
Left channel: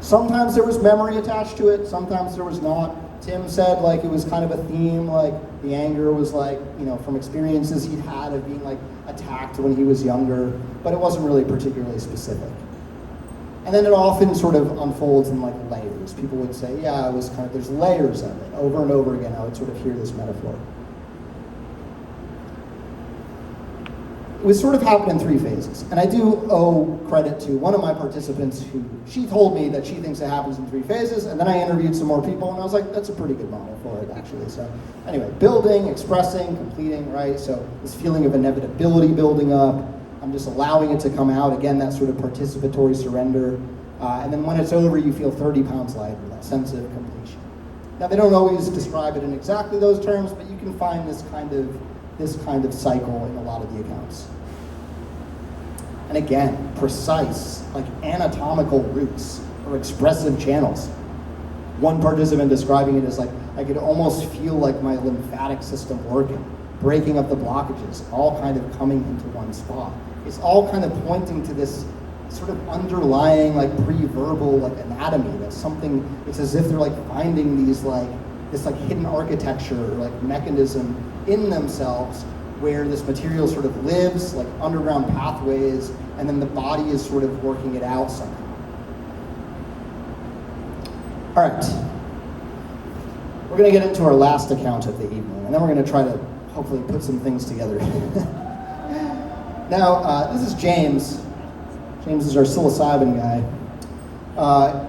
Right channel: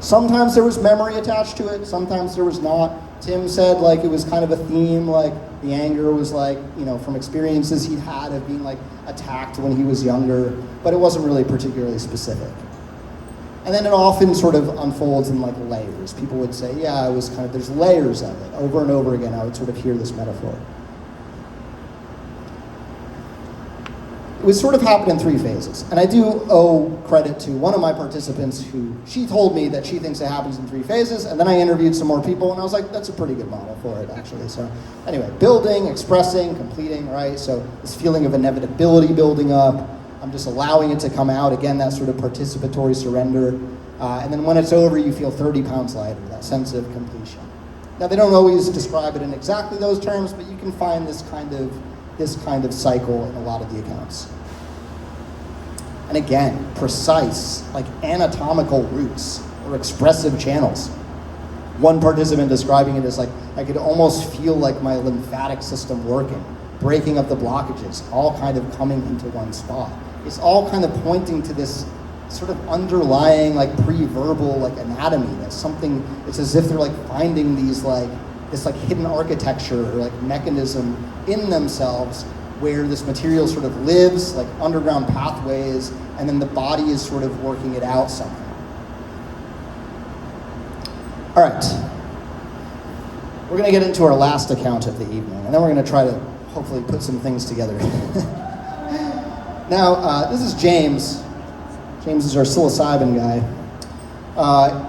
Sometimes there was memory attached to it, sometimes there was not. Tim said like it was kind of a theme, like the anger was like, you know, from experiences he'd had of being like attacked when he was younger, but it wasn't really particularly specific. And then it often sort of unfolds in like layers. People would say, yeah, it was kind of, there's layers of it. Over and over again, I would sort of hear this metaphor. It would sort of happen in 3 phases. And I do owe credit to one of my participants who, she told me that she thinks it happens in 3 phases, and then I interviewed some more people, and I was like, that's a pretty good model for it, actually. So anyway, building, expressing, completing, right? So this feeling of inevitability building up, I'm just allowing it to come out. Again, that sort of participatory surrender. And then when it's over, you feel 30 pounds lighter, that sense of completion. Now, they don't always describe it in exactly those terms, but you can find this kind of cycle in a lot of the accounts. And again, precise, like anatomical roots or expressive channels. One participant describing it as like, I could almost feel like my lymphatic system working, breaking up the blockages, all kind of coming into one spot. It's all kind of pointing to this sort of underlying like pre-verbal like anatomy. There's something, it's as if they're like finding these like, this like hidden architecture or like mechanism in themselves where this material sort of lives, like underground pathways, and then the body is sort of working it out somehow. All right. We're gonna get into our last account of the evening, and then we're gonna try to hopefully put some things together. Now, this is James. James is our psilocybin guy.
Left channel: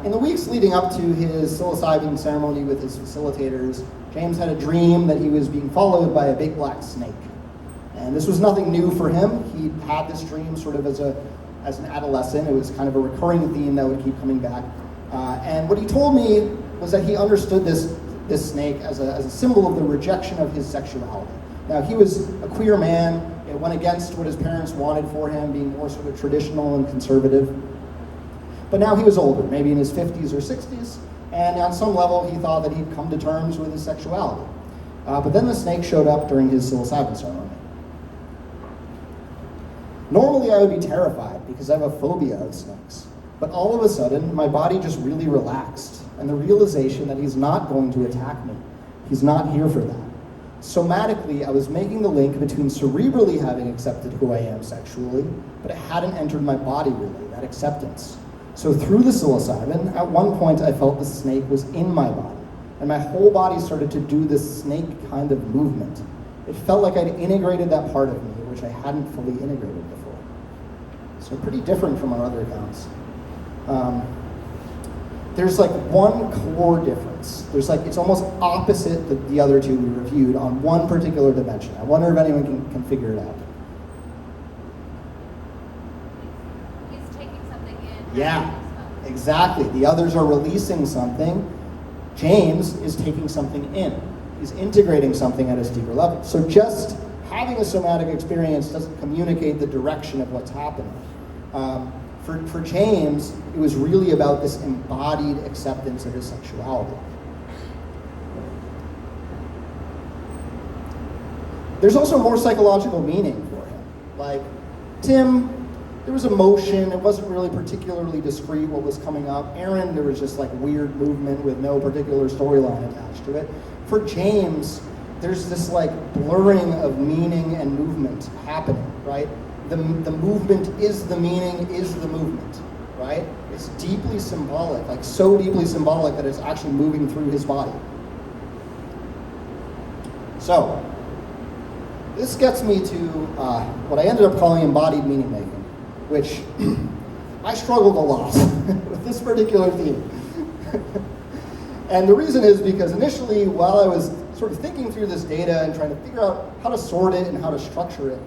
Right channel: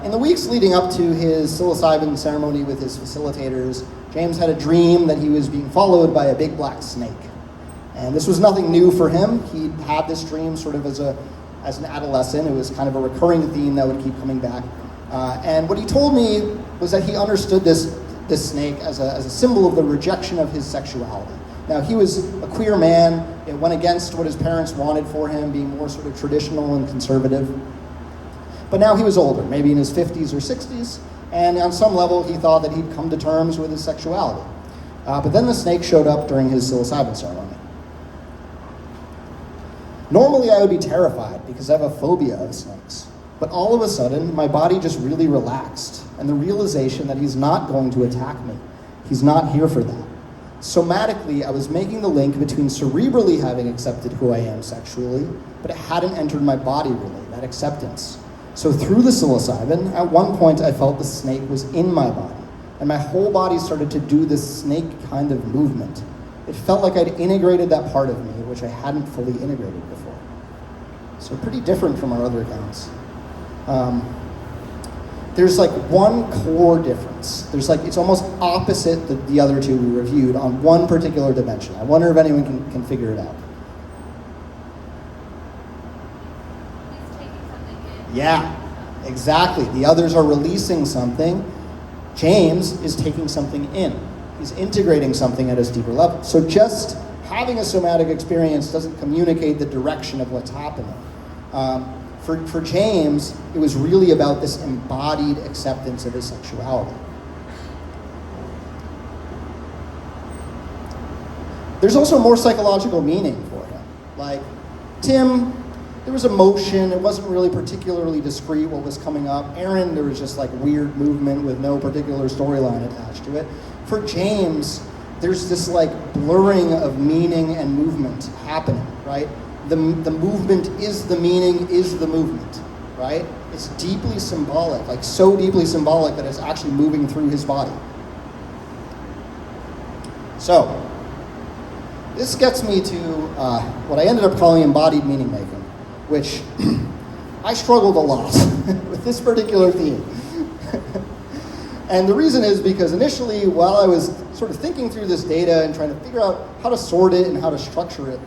In the weeks leading up to his psilocybin ceremony with his facilitators, James had a dream that he was being followed by a big black snake. And this was nothing new for him. He had this dream sort of as an adolescent. It was kind of a recurring theme that would keep coming back. And what he told me was that he understood this snake as a symbol of the rejection of his sexuality. Now, he was a queer man. It went against what his parents wanted for him, being more sort of traditional and conservative. But now he was older, maybe in his 50s or 60s, and on some level he thought that he'd come to terms with his sexuality. But then the snake showed up during his psilocybin ceremony. Normally I would be terrified because I have a phobia of snakes. But all of a sudden, my body just really relaxed, and the realization that he's not going to attack me. He's not here for that. Somatically, I was making the link between cerebrally having accepted who I am sexually, but it hadn't entered my body really, that acceptance. So through the psilocybin, at one point I felt the snake was in my body, and my whole body started to do this snake kind of movement. It felt like I'd integrated that part of me, which I hadn't fully integrated before. So pretty different from our other accounts. There's like one core difference. There's like, it's almost opposite the other two we reviewed on one particular dimension. I wonder if anyone can figure it out. He's taking something in. Yeah, exactly. The others are releasing something. James is taking something in. He's integrating something at a deeper level. So just having a somatic experience doesn't communicate the direction of what's happening. For James, it was really about this embodied acceptance of his sexuality. There's also more psychological meaning for him. Like, Tim, there was emotion. It wasn't really particularly discrete what was coming up. Aaron, there was just like weird movement with no particular storyline attached to it. For James, there's this like blurring of meaning and movement happening, right? The movement is the meaning, is the movement, right? It's deeply symbolic, like so deeply symbolic that it's actually moving through his body. So, this gets me to what I ended up calling embodied meaning making, which I struggled a lot with this particular theme. And the reason is because initially, while I was sort of thinking through this data and trying to figure out how to sort it and how to structure it,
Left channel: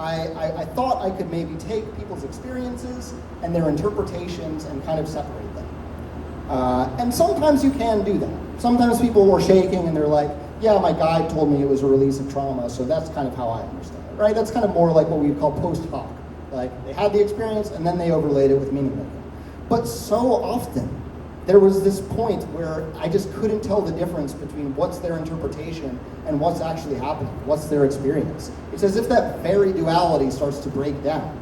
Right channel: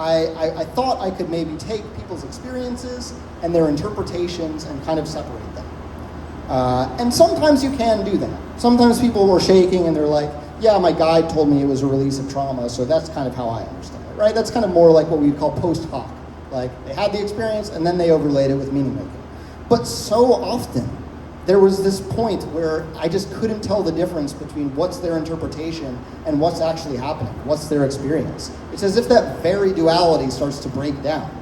I thought I could maybe take people's experiences and their interpretations and kind of separate them. And sometimes you can do that. Sometimes people were shaking and they're like, yeah, my guide told me it was a release of trauma, so that's kind of how I understand it, right? That's kind of more like what we would call post hoc. Like, they had the experience and then they overlaid it with meaning making. But so often, there was this point where I just couldn't tell the difference between what's their interpretation and what's actually happening, what's their experience. It's as if that very duality starts to break down.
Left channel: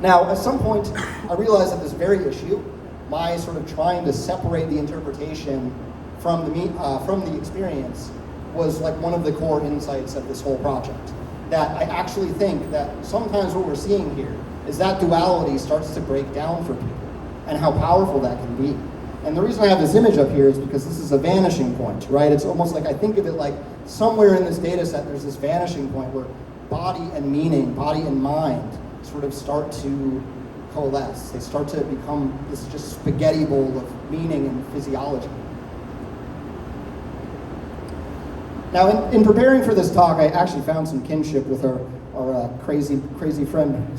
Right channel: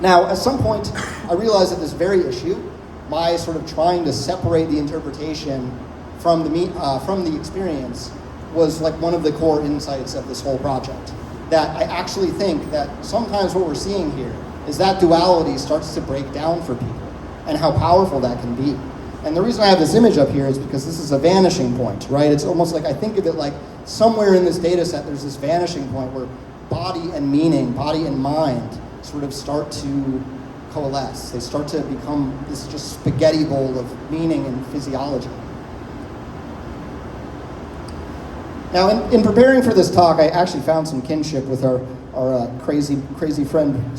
Now, at some point, I realized that this very issue, my sort of trying to separate the interpretation from the experience, was like one of the core insights of this whole project. That I actually think that sometimes what we're seeing here is that duality starts to break down for people, and how powerful that can be. And the reason I have this image up here is because this is a vanishing point, right? It's almost like, I think of it like somewhere in this data set there's this vanishing point where body and meaning, body and mind sort of start to coalesce. They start to become this just spaghetti bowl of meaning and physiology. Now, in preparing for this talk, I actually found some kinship with our crazy friend,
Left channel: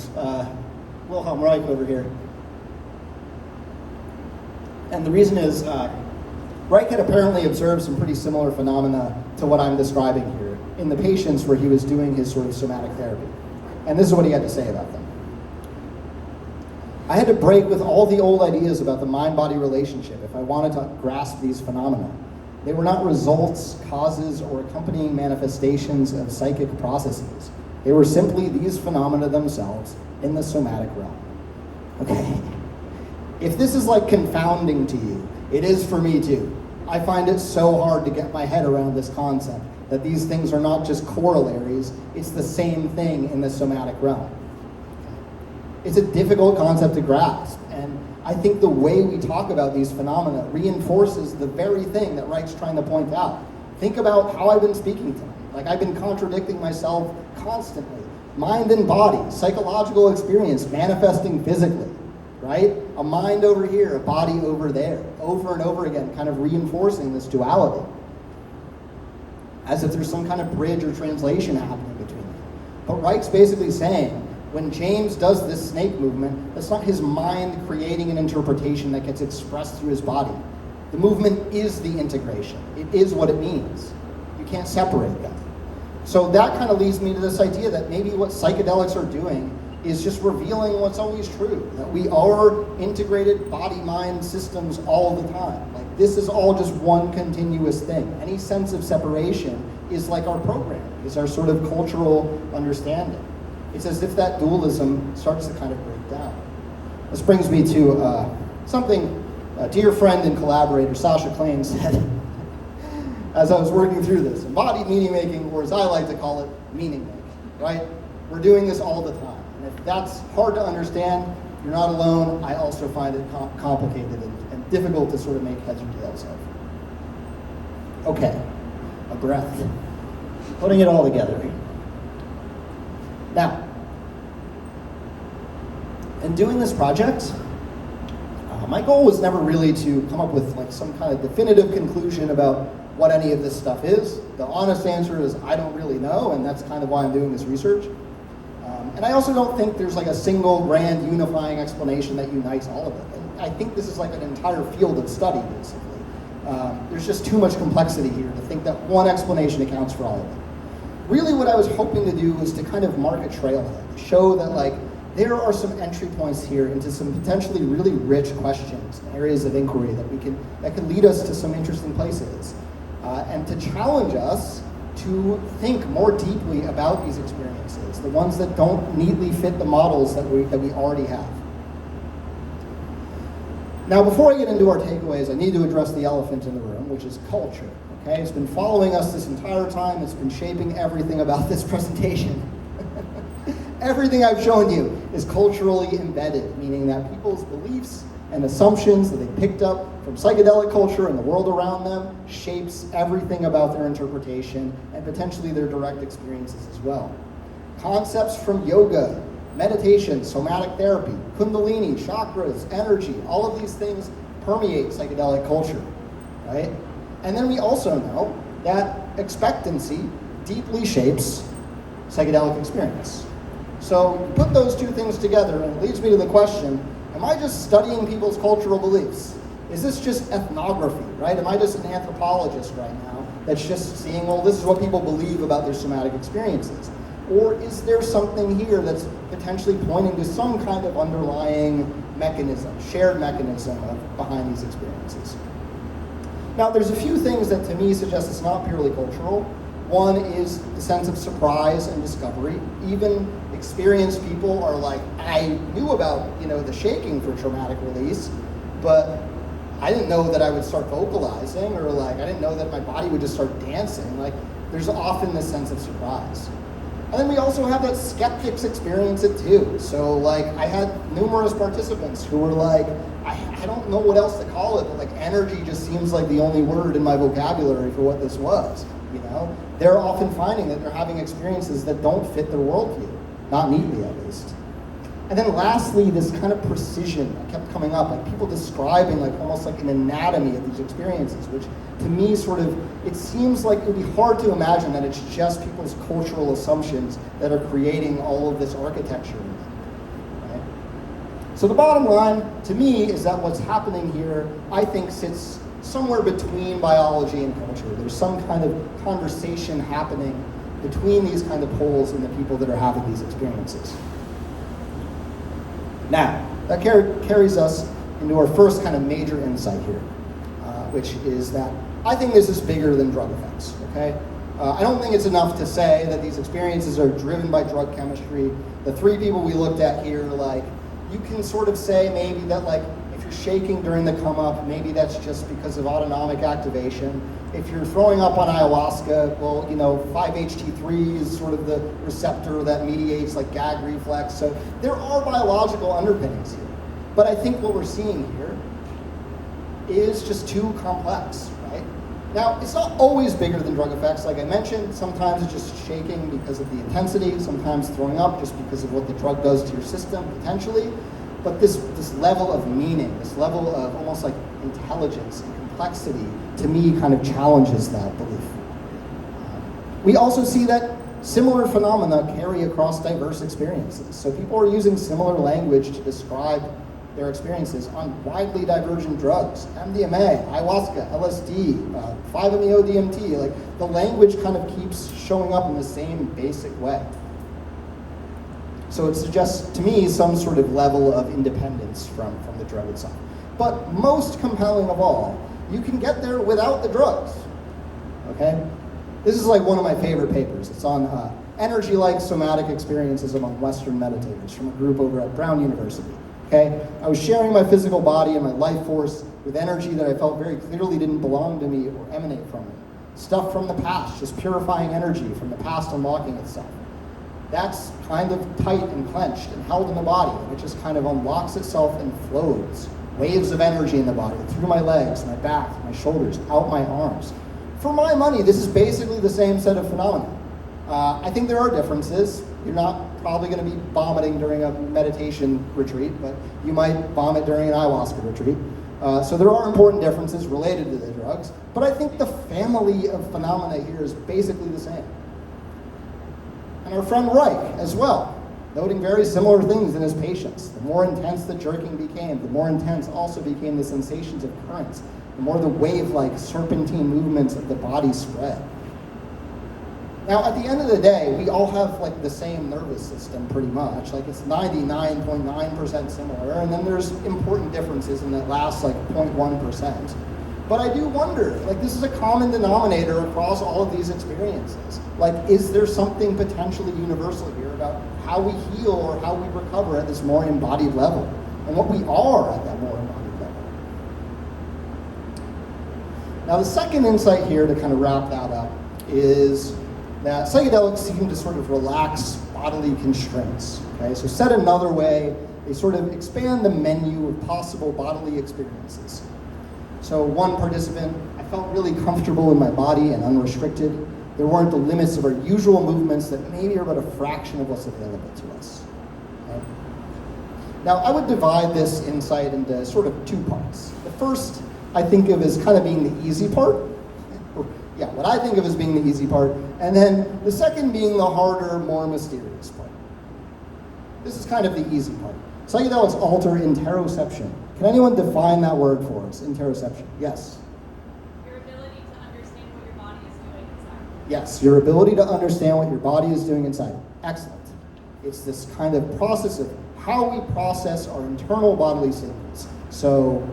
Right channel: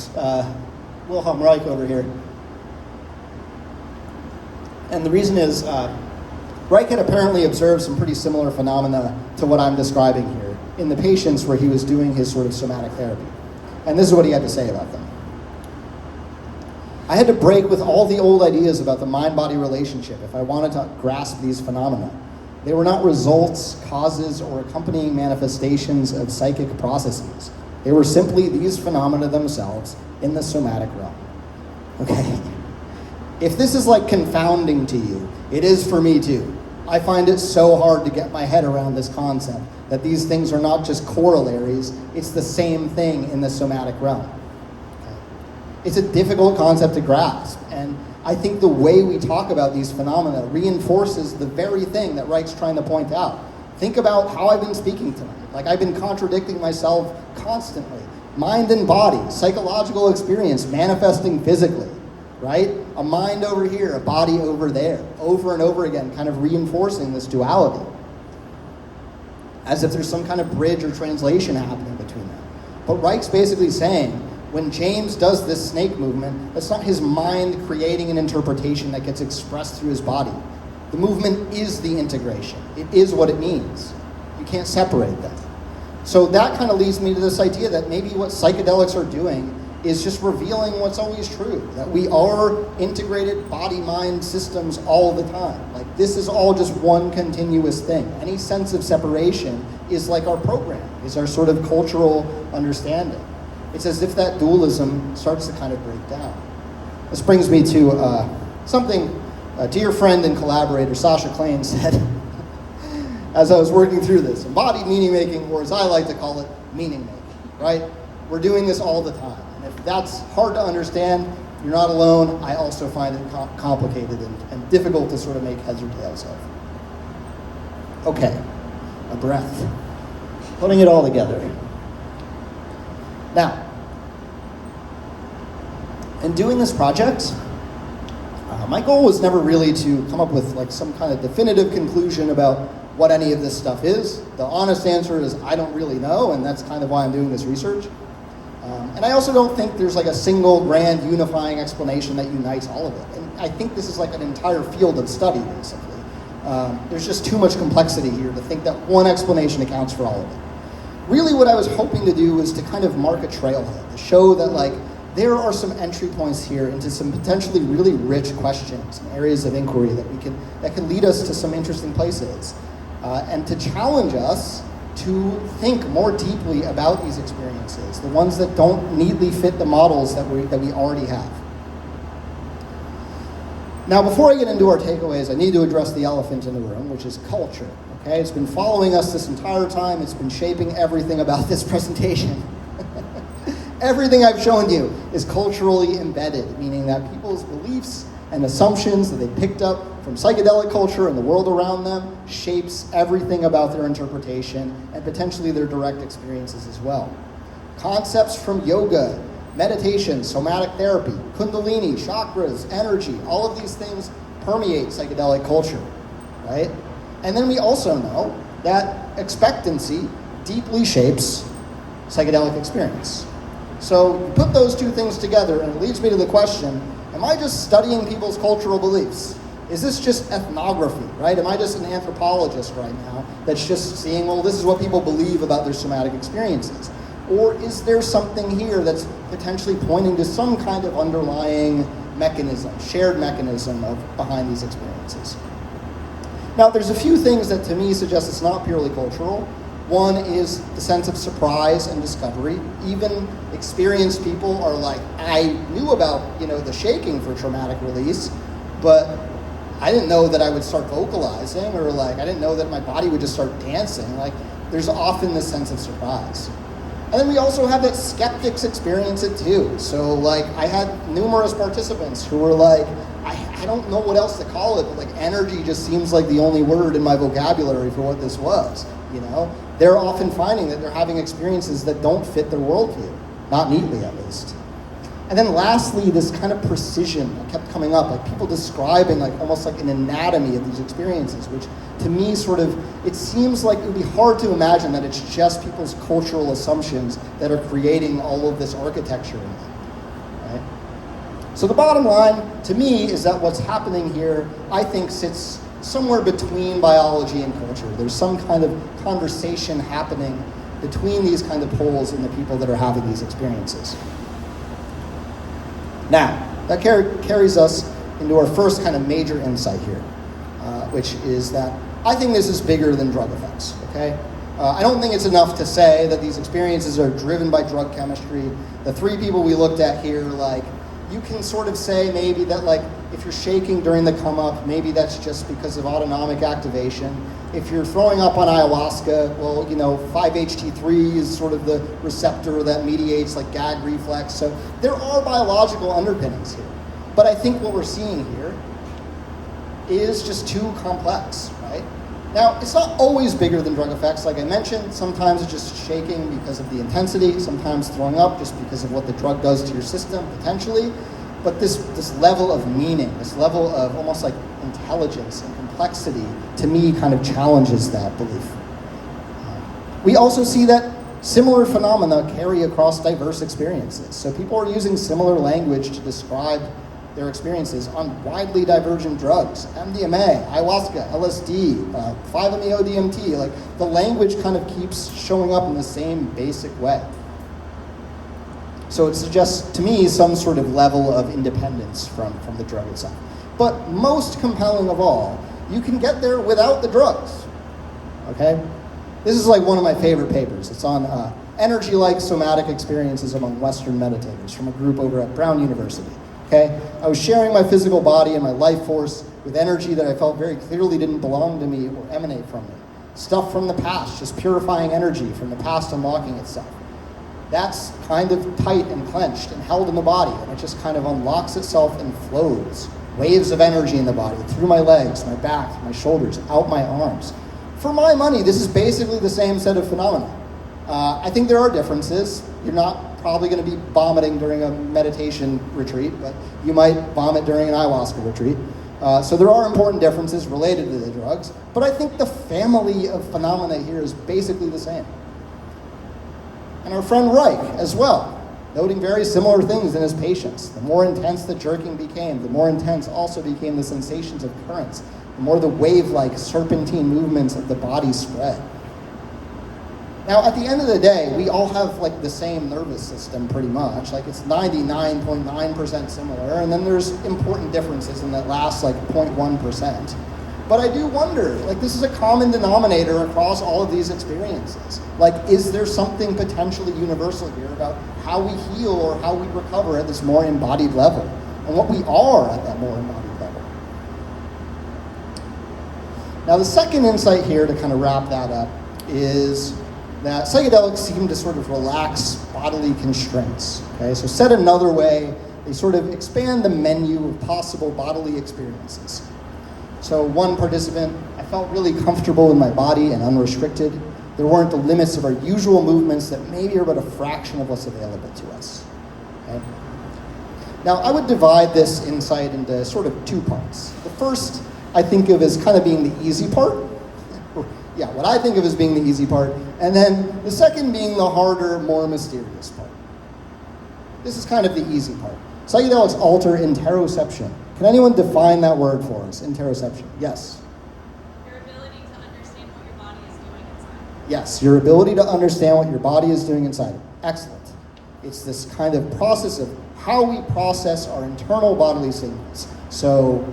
Wilhelm Reich over here. And the reason is, Reich had apparently observed some pretty similar phenomena to what I'm describing here in the patients where he was doing his sort of somatic therapy. And this is what he had to say about them. I had to break with all the old ideas about the mind-body relationship if I wanted to grasp these phenomena. They were not results, causes, or accompanying manifestations of psychic processes. They were simply these phenomena themselves in the somatic realm. Okay? If this is like confounding to you, it is for me too. I find it so hard to get my head around this concept that these things are not just corollaries, it's the same thing in the somatic realm. Okay? It's a difficult concept to grasp, and I think the way we talk about these phenomena reinforces the very thing that Reich's trying to point out. Think about how I've been speaking tonight. Like, I've been contradicting myself constantly. Mind and body, psychological experience manifesting physically, right? A mind over here, a body over there, over and over again, kind of reinforcing this duality. As if there's some kind of bridge or translation happening between them. But Reich's basically saying, when James does this snake movement, that's not his mind creating an interpretation that gets expressed through his body. The movement is the integration. It is what it means. You can't separate them. So that kind of leads me to this idea that maybe what psychedelics are doing is just revealing what's always true, that we are integrated body-mind systems all the time. Like, this is all just one continuous thing. Any sense of separation is like our programming, is our sort of cultural understanding. It's as if that dualism starts to kind of break down. This brings me to something a dear friend and collaborator, Sasha Klein, said as I was working through this. Embodied meaning making, or as I like to call it, meaning making, right? We're doing this all the time. And if that's hard to understand, you're not alone. I also find it complicated and difficult to sort of make heads or tails of. Okay, a breath. Putting it all together. Now, in doing this project, my goal was never really to come up with like some kind of definitive conclusion about what any of this stuff is. The honest answer is I don't really know, and that's kind of why I'm doing this research. And I also don't think there's like a single grand unifying explanation that unites all of it. And I think this is like an entire field of study, basically. There's just too much complexity here to think that one explanation accounts for all of it. Really what I was hoping to do was to kind of mark a trailhead, to show that like there are some entry points here into some potentially really rich questions and areas of inquiry that can lead us to some interesting places, and to challenge us to think more deeply about these experiences, the ones that don't neatly fit the models that we already have. Now, before I get into our takeaways, I need to address the elephant in the room, which is culture. Okay, it's been following us this entire time. It's been shaping everything about this presentation. Everything I've shown you is culturally embedded, meaning that people's beliefs and assumptions that they picked up from psychedelic culture and the world around them shapes everything about their interpretation and potentially their direct experiences as well. Concepts from yoga, meditation, somatic therapy, kundalini, chakras, energy, all of these things permeate psychedelic culture, right? And then we also know that expectancy deeply shapes psychedelic experience. So you put those two things together and it leads me to the question, am I just studying people's cultural beliefs? Is this just ethnography, right? Am I just an anthropologist right now that's just seeing, well, this is what people believe about their somatic experiences? Or is there something here that's potentially pointing to some kind of underlying mechanism, shared mechanism behind these experiences? Now, there's a few things that to me suggest it's not purely cultural. One is the sense of surprise and discovery. Even experienced people are like, I knew about, the shaking for traumatic release, but I didn't know that I would start vocalizing, or like, I didn't know that my body would just start dancing. Like, there's often this sense of surprise. And then we also have that skeptics experience it too. So like, I had numerous participants who were like, I don't know what else to call it, but like energy just seems like the only word in my vocabulary for what this was, They're often finding that they're having experiences that don't fit their worldview, not neatly at least. And then lastly, this kind of precision kept coming up, like people describing like almost like an anatomy of these experiences, which to me it seems like it would be hard to imagine that it's just people's cultural assumptions that are creating all of this architecture in them, right? So the bottom line to me is that what's happening here, I think, sits somewhere between biology and culture. There's some kind of conversation happening between these kind of poles and the people that are having these experiences. Now, that carries us into our first kind of major insight here, which is that I think this is bigger than drug effects, okay? I don't think it's enough to say that these experiences are driven by drug chemistry. The three people we looked at here, like, you can sort of say maybe that, like, if you're shaking during the come up, maybe that's just because of autonomic activation. If you're throwing up on ayahuasca, well, 5-HT3 is sort of the receptor that mediates like gag reflex. So there are biological underpinnings here. But I think what we're seeing here is just too complex, right? Now, it's not always bigger than drug effects. Like I mentioned, sometimes it's just shaking because of the intensity, sometimes throwing up just because of what the drug does to your system, potentially. But this level of meaning, this level of almost like intelligence and complexity, to me, kind of challenges that belief. We also see that similar phenomena carry across diverse experiences. So people are using similar language to describe their experiences on widely divergent drugs, MDMA, ayahuasca, LSD, 5-MeO-DMT. Like, the language kind of keeps showing up in the same basic way. So it suggests, to me, some sort of level of independence from the drug itself. But most compelling of all, you can get there without the drugs, okay? This is like one of my favorite papers. It's on energy-like somatic experiences among Western meditators from a group over at Brown University, okay? I was sharing my physical body and my life force with energy that I felt very clearly didn't belong to me or emanate from me. Stuff from the past, just purifying energy from the past unlocking itself. That's kind of tight and clenched and held in the body, and it just kind of unlocks itself and flows. Waves of energy in the body, through my legs, my back, my shoulders, out my arms. For my money, this is basically the same set of phenomena. I think there are differences. You're not probably going to be vomiting during a meditation retreat, but you might vomit during an ayahuasca retreat. So there are important differences related to the drugs, but I think the family of phenomena here is basically the same. And our friend Reich as well, noting very similar things in his patients. The more intense the jerking became, the more intense also became the sensations of currents, the more the wave-like serpentine movements of the body spread. Now, at the end of the day, we all have like the same nervous system pretty much. Like, it's 99.9% similar, and then there's important differences in that last like 0.1%. But I do wonder, like, this is a common denominator across all of these experiences. Like, is there something potentially universal here about how we heal or how we recover at this more embodied level, and what we are at that more embodied level? Now, the second insight here to kind of wrap that up is that psychedelics seem to sort of relax bodily constraints. Okay, so said another way, they sort of expand the menu of possible bodily experiences. So one participant, I felt really comfortable in my body and unrestricted. There weren't the limits of our usual movements that maybe are but a fraction of what's available to us. Okay? Now, I would divide this insight into sort of two parts. The first I think of as kind of being the easy part. Yeah, what I think of as being the easy part. And then the second being the harder, more mysterious part. This is kind of the easy part. Psychedelics alter interoception, Can anyone define that word for us? Interoception. Yes. Your ability to understand what your body is doing inside. Yes, your ability to understand what your body is doing inside. Excellent. It's this kind of process of how we process our internal bodily signals. So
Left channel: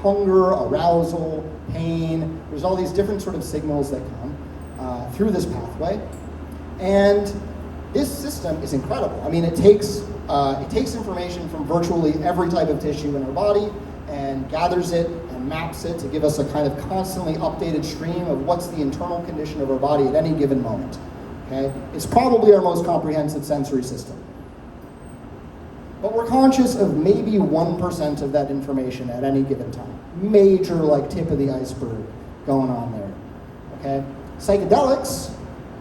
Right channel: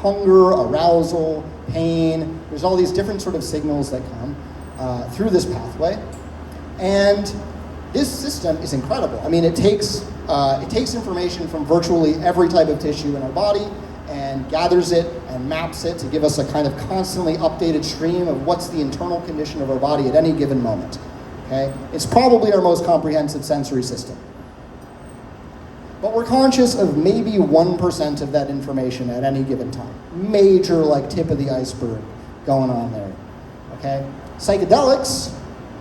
hunger, arousal, pain, there's all these different sort of signals that come through this pathway. And this system is incredible. I mean, it takes information from virtually every type of tissue in our body and gathers it and maps it to give us a kind of constantly updated stream of what's the internal condition of our body at any given moment. Okay? It's probably our most comprehensive sensory system. But we're conscious of maybe 1% of that information at any given time. Major, like, tip of the iceberg going on there. Okay? Psychedelics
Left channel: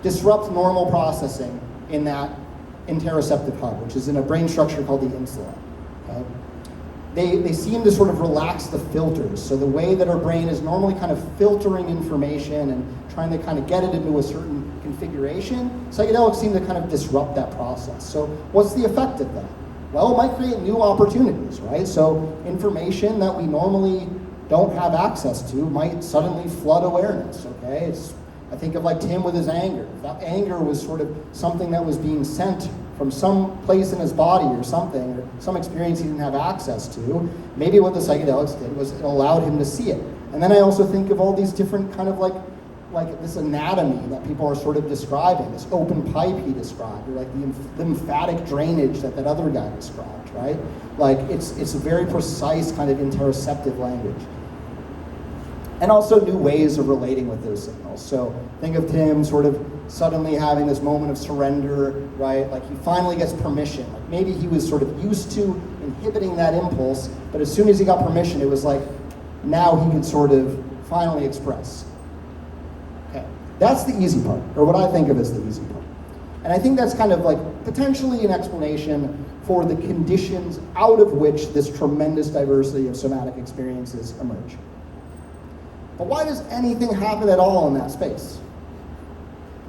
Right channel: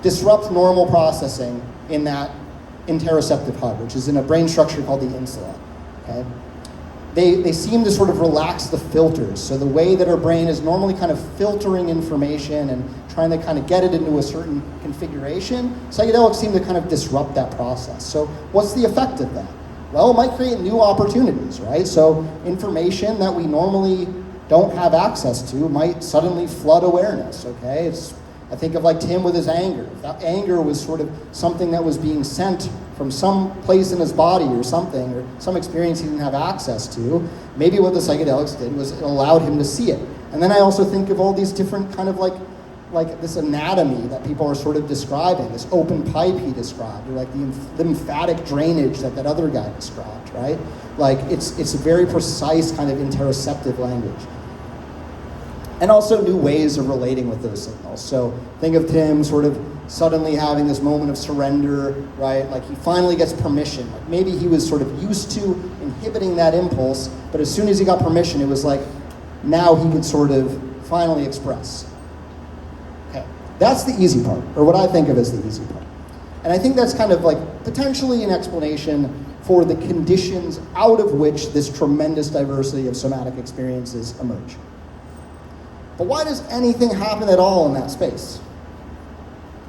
disrupt normal processing in that interoceptive hub, which is in a brain structure called the insula. Okay? They seem to sort of relax the filters. So the way that our brain is normally kind of filtering information and trying to kind of get it into a certain configuration, psychedelics seem to kind of disrupt that process. So what's the effect of that? Well, it might create new opportunities, right? So information that we normally don't have access to might suddenly flood awareness, okay? I think of like Tim with his anger. If that anger was sort of something that was being sent from some place in his body or something, or some experience he didn't have access to, maybe what the psychedelics did was it allowed him to see it. And then I also think of all these different kind of like this anatomy that people are sort of describing, this open pipe he described, or like the lymphatic drainage that other guy described, right? Like it's a very precise kind of interoceptive language. And also new ways of relating with those signals. So think of Tim sort of suddenly having this moment of surrender, right? Like he finally gets permission. Maybe he was sort of used to inhibiting that impulse, but as soon as he got permission, it was like, now he could sort of finally express. Okay, that's the easy part, or what I think of as the easy part. And I think that's kind of like potentially an explanation for the conditions out of which this tremendous diversity of somatic experiences emerge. But why does anything happen at all in that space?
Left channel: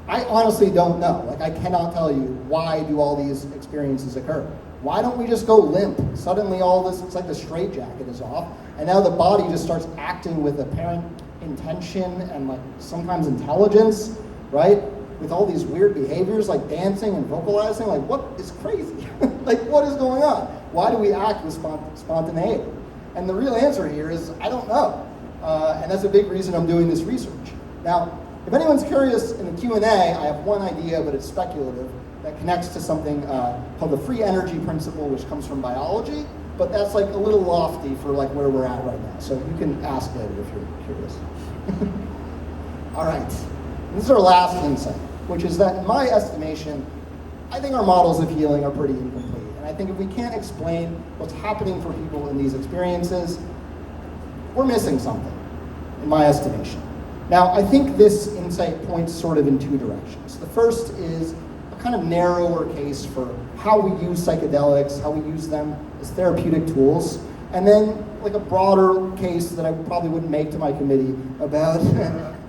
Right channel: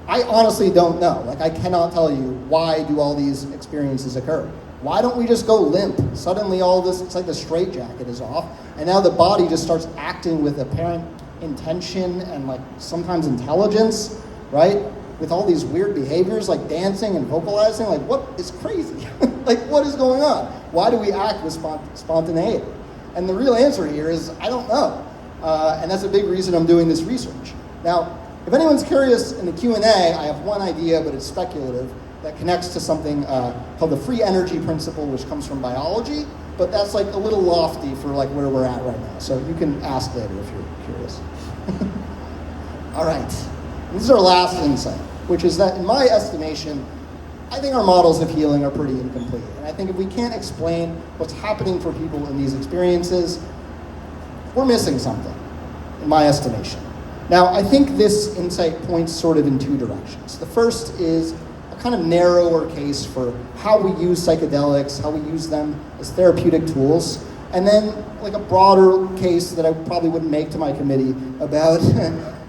I honestly don't know. Like, I cannot tell you why do all these experiences occur. Why don't we just go limp? Suddenly all this, it's like the straitjacket is off, and now the body just starts acting with apparent intention and like sometimes intelligence, right? With all these weird behaviors like dancing and vocalizing, like what is crazy? Like what is going on? Why do we act with spontaneity? And the real answer here is, I don't know. And that's a big reason I'm doing this research. Now, if anyone's curious in the Q&A, I have one idea, but it's speculative, that connects to something called the free energy principle, which comes from biology, but that's like a little lofty for like where we're at right now. So you can ask later if you're curious. All right, this is our last insight, which is that in my estimation, I think our models of healing are pretty incomplete. And I think if we can't explain what's happening for people in these experiences, we're missing something, in my estimation. Now, I think this insight points sort of in two directions. The first is a kind of narrower case for how we use psychedelics, how we use them as therapeutic tools, and then like a broader case that I probably wouldn't make to my committee about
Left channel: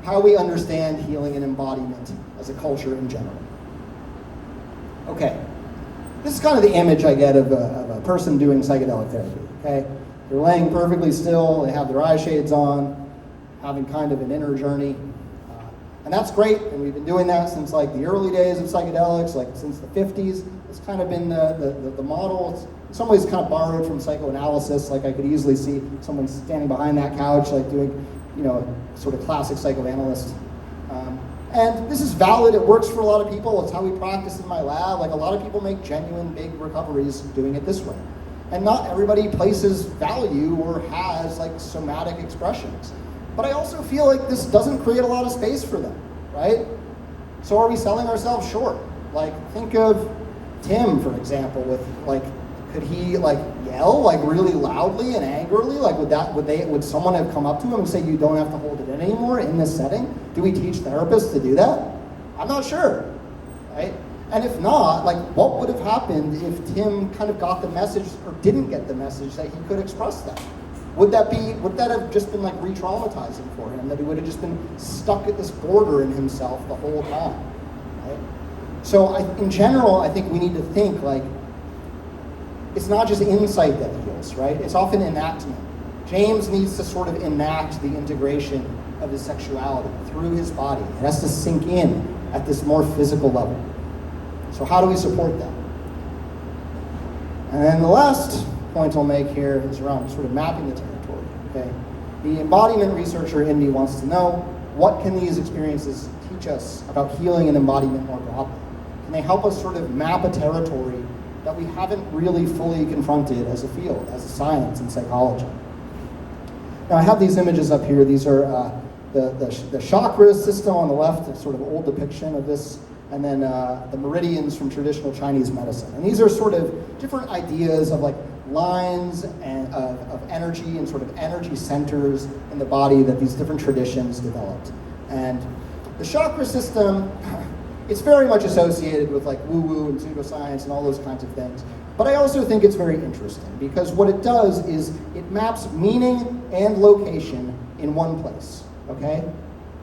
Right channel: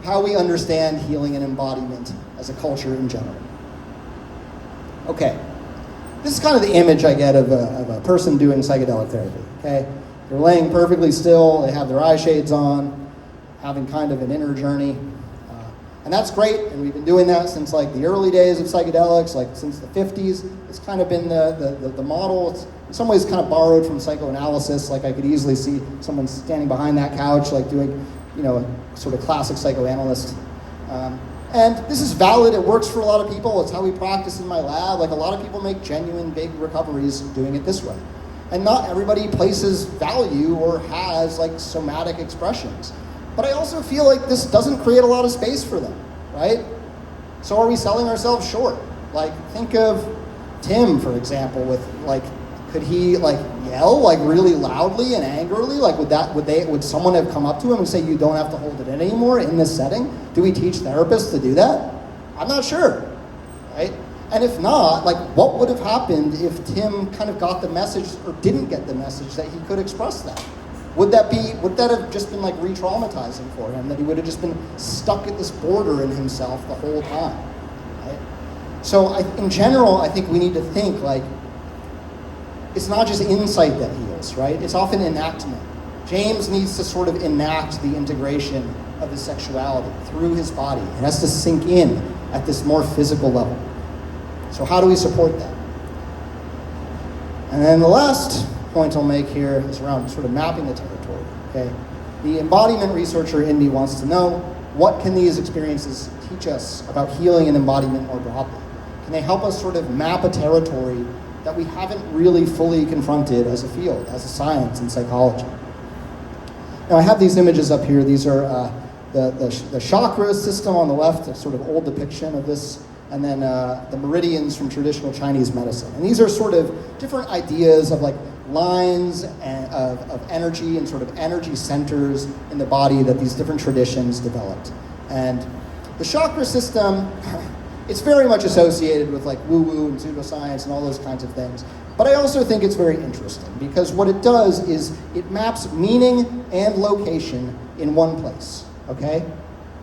how we understand healing and embodiment as a culture in general. Okay, this is kind of the image I get of a person doing psychedelic therapy, okay? They're laying perfectly still, they have their eye shades on, having kind of an inner journey. And that's great, and we've been doing that since like the early days of psychedelics, like since the 50s. It's kind of been the model. It's in some ways kind of borrowed from psychoanalysis. Like I could easily see someone standing behind that couch, like doing, a sort of classic psychoanalyst. And this is valid, it works for a lot of people. It's how we practice in my lab. Like a lot of people make genuine big recoveries doing it this way. And not everybody places value or has like somatic expressions. But I also feel like this doesn't create a lot of space for them, right? So are we selling ourselves short? Like think of Tim, for example, with like, could he like yell like really loudly and angrily? Like would someone have come up to him and say, you don't have to hold it in anymore in this setting? Do we teach therapists to do that? I'm not sure, right? And if not, like what would have happened if Tim kind of got the message or didn't get the message that he could express that? Would that have just been like re-traumatizing for him, that he would have just been stuck at this border in himself the whole time? Right? So in general, I think we need to think like, it's not just insight that heals, right? It's often enactment, James needs to sort of enact the integration of his sexuality through his body. It has to sink in at this more physical level. So how do we support that? And then the last point I'll make here is around sort of mapping the territory, okay? The embodiment researcher in me wants to know, what can these experiences teach us about healing and embodiment more broadly? Can they help us sort of map a territory that we haven't really fully confronted as a field, as a science in psychology? Now I have these images up here. These are the chakra system on the left, a sort of old depiction of this, and then the meridians from traditional Chinese medicine. And these are sort of different ideas of like lines and of energy and sort of energy centers in the body that these different traditions developed. And the chakra system, it's very much associated with like woo-woo and pseudoscience and all those kinds of things. But I also think it's very interesting because what it does is it maps meaning and location in one place, okay?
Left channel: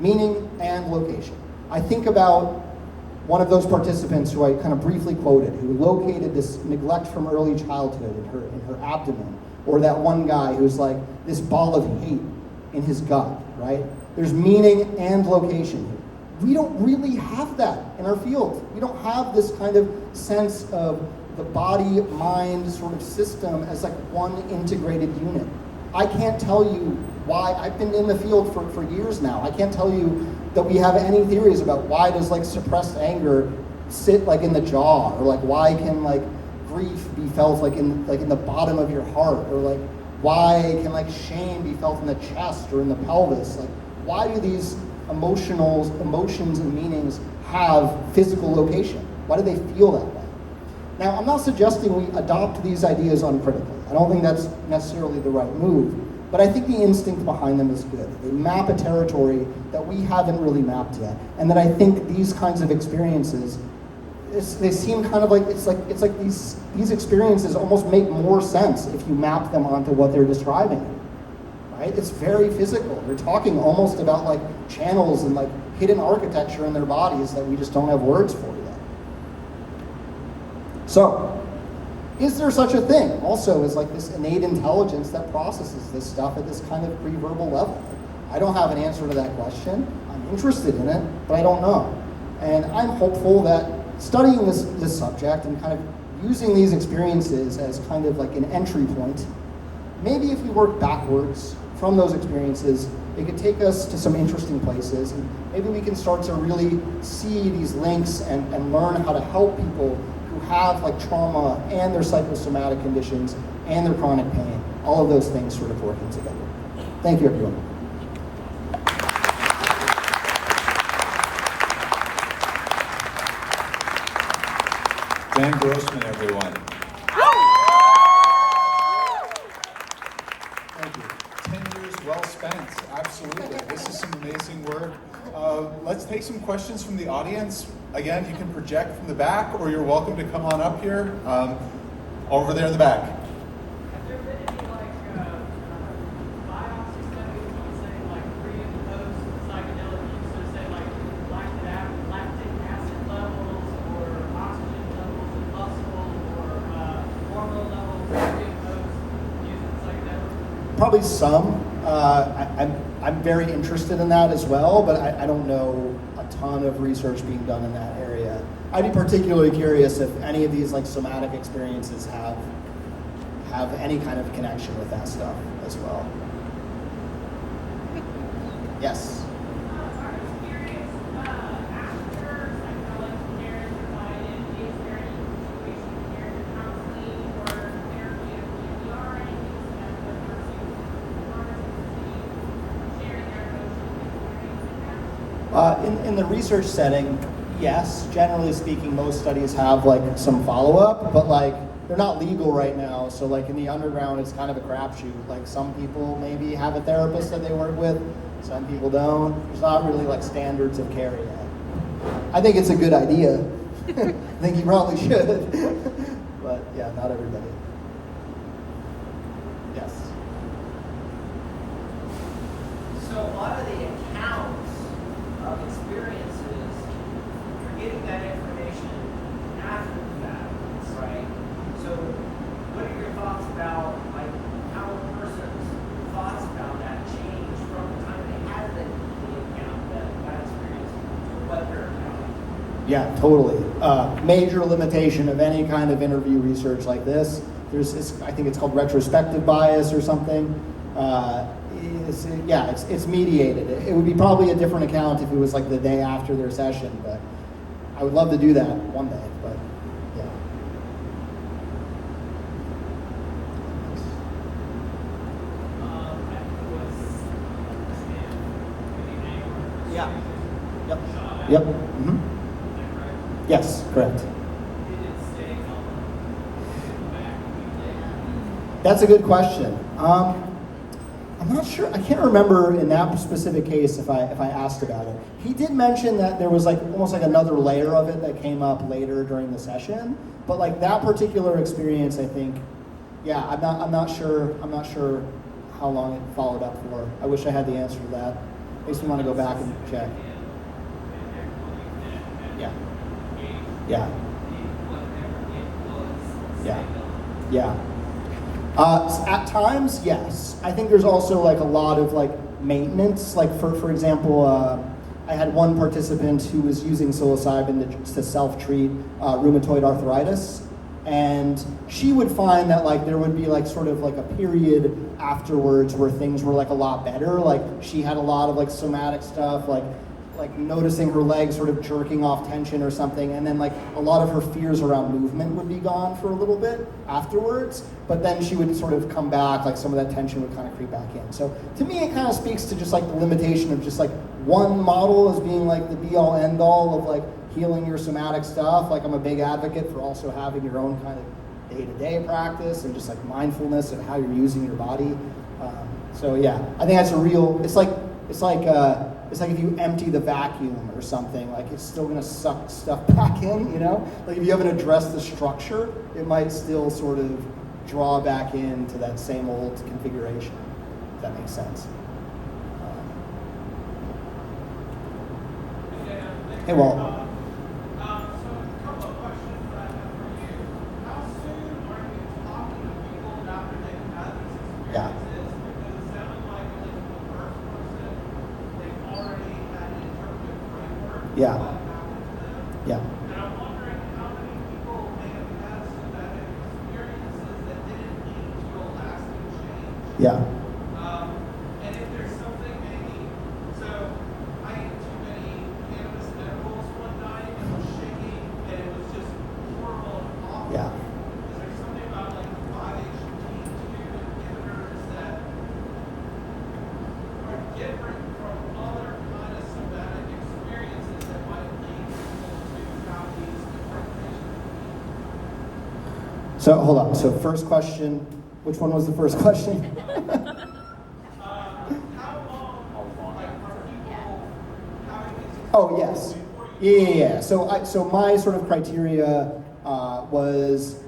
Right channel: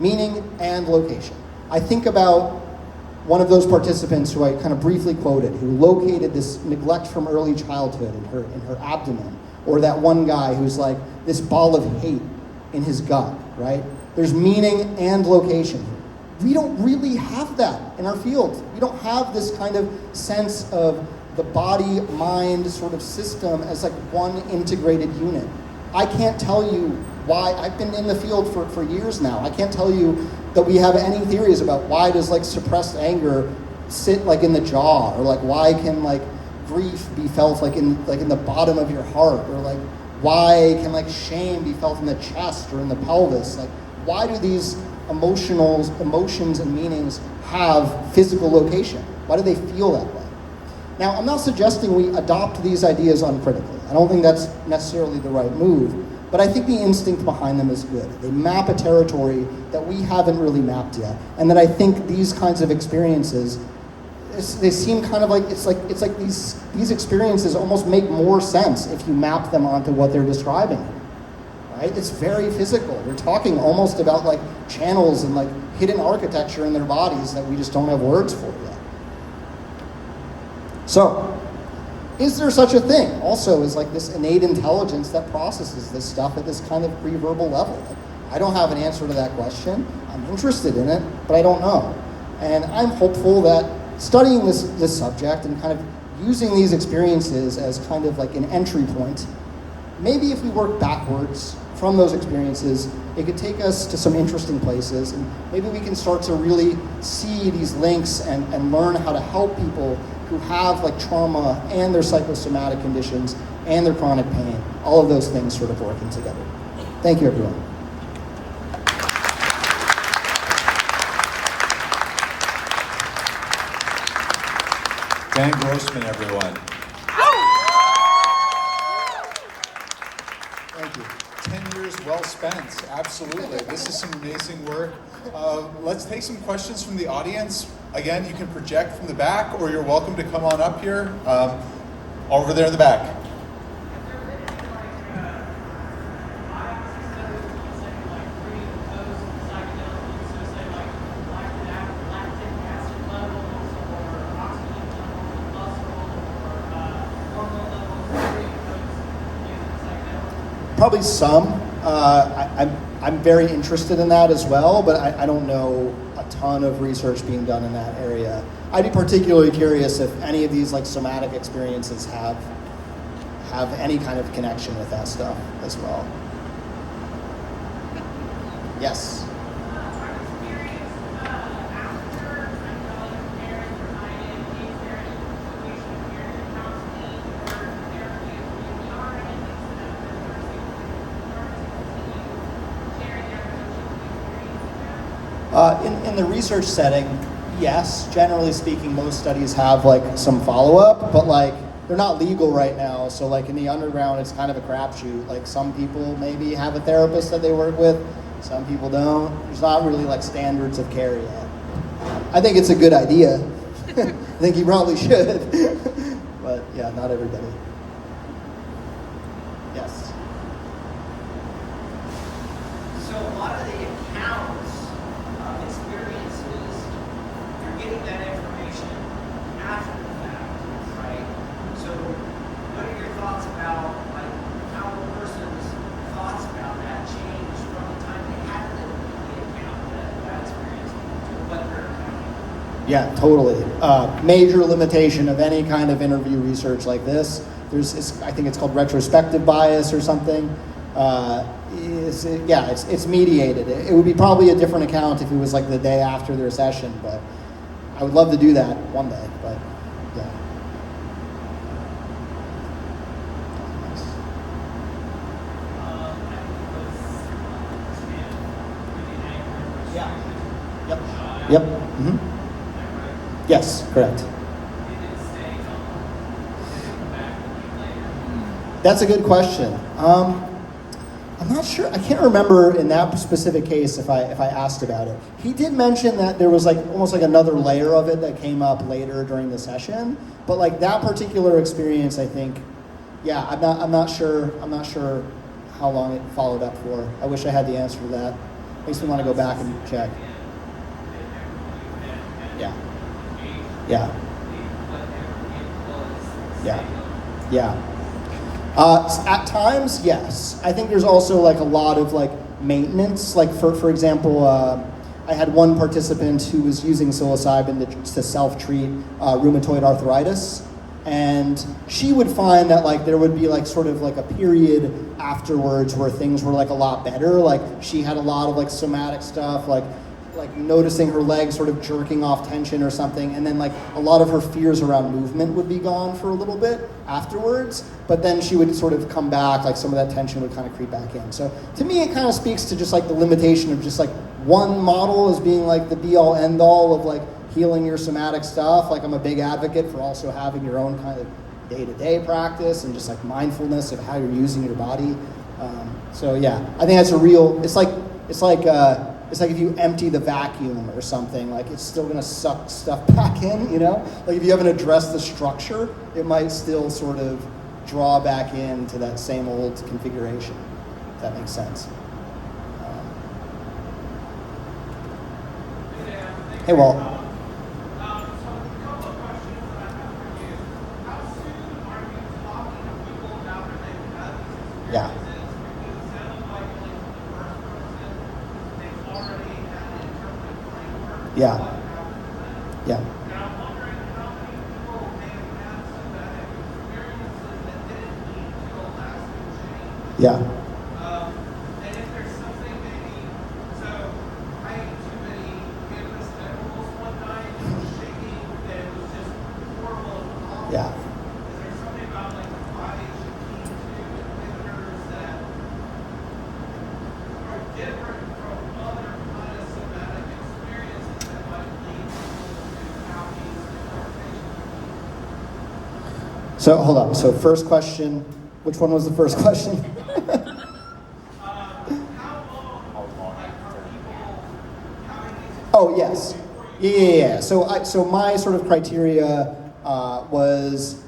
Meaning and location. I think about one of those participants who I kind of briefly quoted, who located this neglect from early childhood in her abdomen, or that one guy who's like this ball of hate in his gut, right? There's meaning and location here. We don't really have that in our field. We don't have this kind of sense of the body-mind sort of system as like one integrated unit. I can't tell you why. I've been in the field for years now. I can't tell you that we have any theories about why does like suppressed anger sit like in the jaw, or like why can like grief be felt like in the bottom of your heart, or like why can like shame be felt in the chest or in the pelvis? Like why do these emotions and meanings have physical location? Why do they feel that way? Now, I'm not suggesting we adopt these ideas uncritically. I don't think that's necessarily the right move, but I think the instinct behind them is good. They map a territory that we haven't really mapped yet, and that I think these kinds of experiences, they seem kind of like, it's like these experiences almost make more sense if you map them onto what they're describing here. Right? It's very physical. They're talking almost about like channels and like hidden architecture in their bodies that we just don't have words for yet. So, is there such a thing also as like this innate intelligence that processes this stuff at this kind of pre-verbal level? I don't have an answer to that question. I'm interested in it, but I don't know. And I'm hopeful that studying this subject and kind of using these experiences as kind of like an entry point, maybe if we work backwards from those experiences, it could take us to some interesting places, and maybe we can start to really see these links and learn how to help people who have like trauma and their psychosomatic conditions and their chronic pain, all of those things sort of working together. Thank you, everyone. Dan Grossman, everyone. Thank you. 10 years well spent, absolutely. This is some amazing work. Let's take some questions from the audience. Again, you can project from the back, or you're welcome to come on up here. Over there in the back. Probably some. I'm very interested in that as well, but I don't know a ton of research being done in that area. I'd be particularly curious if any of these like somatic experiences have any kind of connection with that stuff as well. Yes. In the research setting, yes, generally speaking, most studies have like some follow-up, but like they're not legal right now. So like in the underground, it's kind of a crapshoot. Like some people maybe have a therapist that they work with, some people don't. There's not really like standards of care yet. I think it's a good idea. I think you probably should, but yeah, not everybody. Yes. So a lot of the accounts of experiences, you're getting that information after the fact, right? So what are your thoughts about like how a person's thought Yeah, totally. Major limitation of any kind of interview research like this. I think it's called retrospective bias or something. It's mediated. It would be probably a different account if it was like the day after their session, but I would love to do that one day. But yeah. I think it was Tim, for the anger and Yeah. frustration. Shot out. Yep. Mm-hmm. Is that right? Yes, correct. Did it stay gone? Did it come back a week later? That's a good question. I'm not sure. I can't remember in that specific case if I asked about it. He did mention that there was like almost like another layer of it that came up later during the session. But like that particular experience, I think, yeah, I'm not sure how long it followed up for. I wish I had the answer to that. Makes me want to go back and check. Yeah. Yeah. Yeah. Yeah. At times, yes. I think there's also like a lot of like maintenance. Like for example, I had one participant who was using psilocybin to self-treat rheumatoid arthritis, and she would find that like there would be like sort of like a period afterwards where things were like a lot better. Like she had a lot of like somatic stuff, like noticing her legs sort of jerking off tension or something, and then like a lot of her fears around movement would be gone for a little bit afterwards, but then she would sort of come back, like some of that tension would kind of creep back in. So to me it kind of speaks to just like the limitation of just like one model as being like the be all end all of like healing your somatic stuff. Like I'm a big advocate for also having your own kind of day-to-day practice and just like mindfulness of how you're using your body. So yeah, I think that's a real, it's like if you empty the vacuum or something, like it's still gonna suck stuff back in, you know? Like if you haven't addressed the structure, it might still sort of draw back into that same old configuration, if that makes sense. Hey, Walt. So a couple of questions that I have for you. How soon are you talking to people after they've had these Yeah. experiences? Because it sounded like the first person, they've already had an interpretive framework of Yeah. what happened to them. Yeah. And I'm wondering how many people may have had somatic experiences that didn't lead to a lasting change. Yeah. And if there's something maybe, so I ate too many cannabis edibles one night and was shaking and it was just horrible and awful. Yeah. Is there something about like the 5-HT2 inhibitors that are different from other kind of somatic experiences that might lead people to have these interpretations? So hold on, so first question, which one was the first question? How long like, are people having these Oh, yes. Yeah. So my sort of criteria was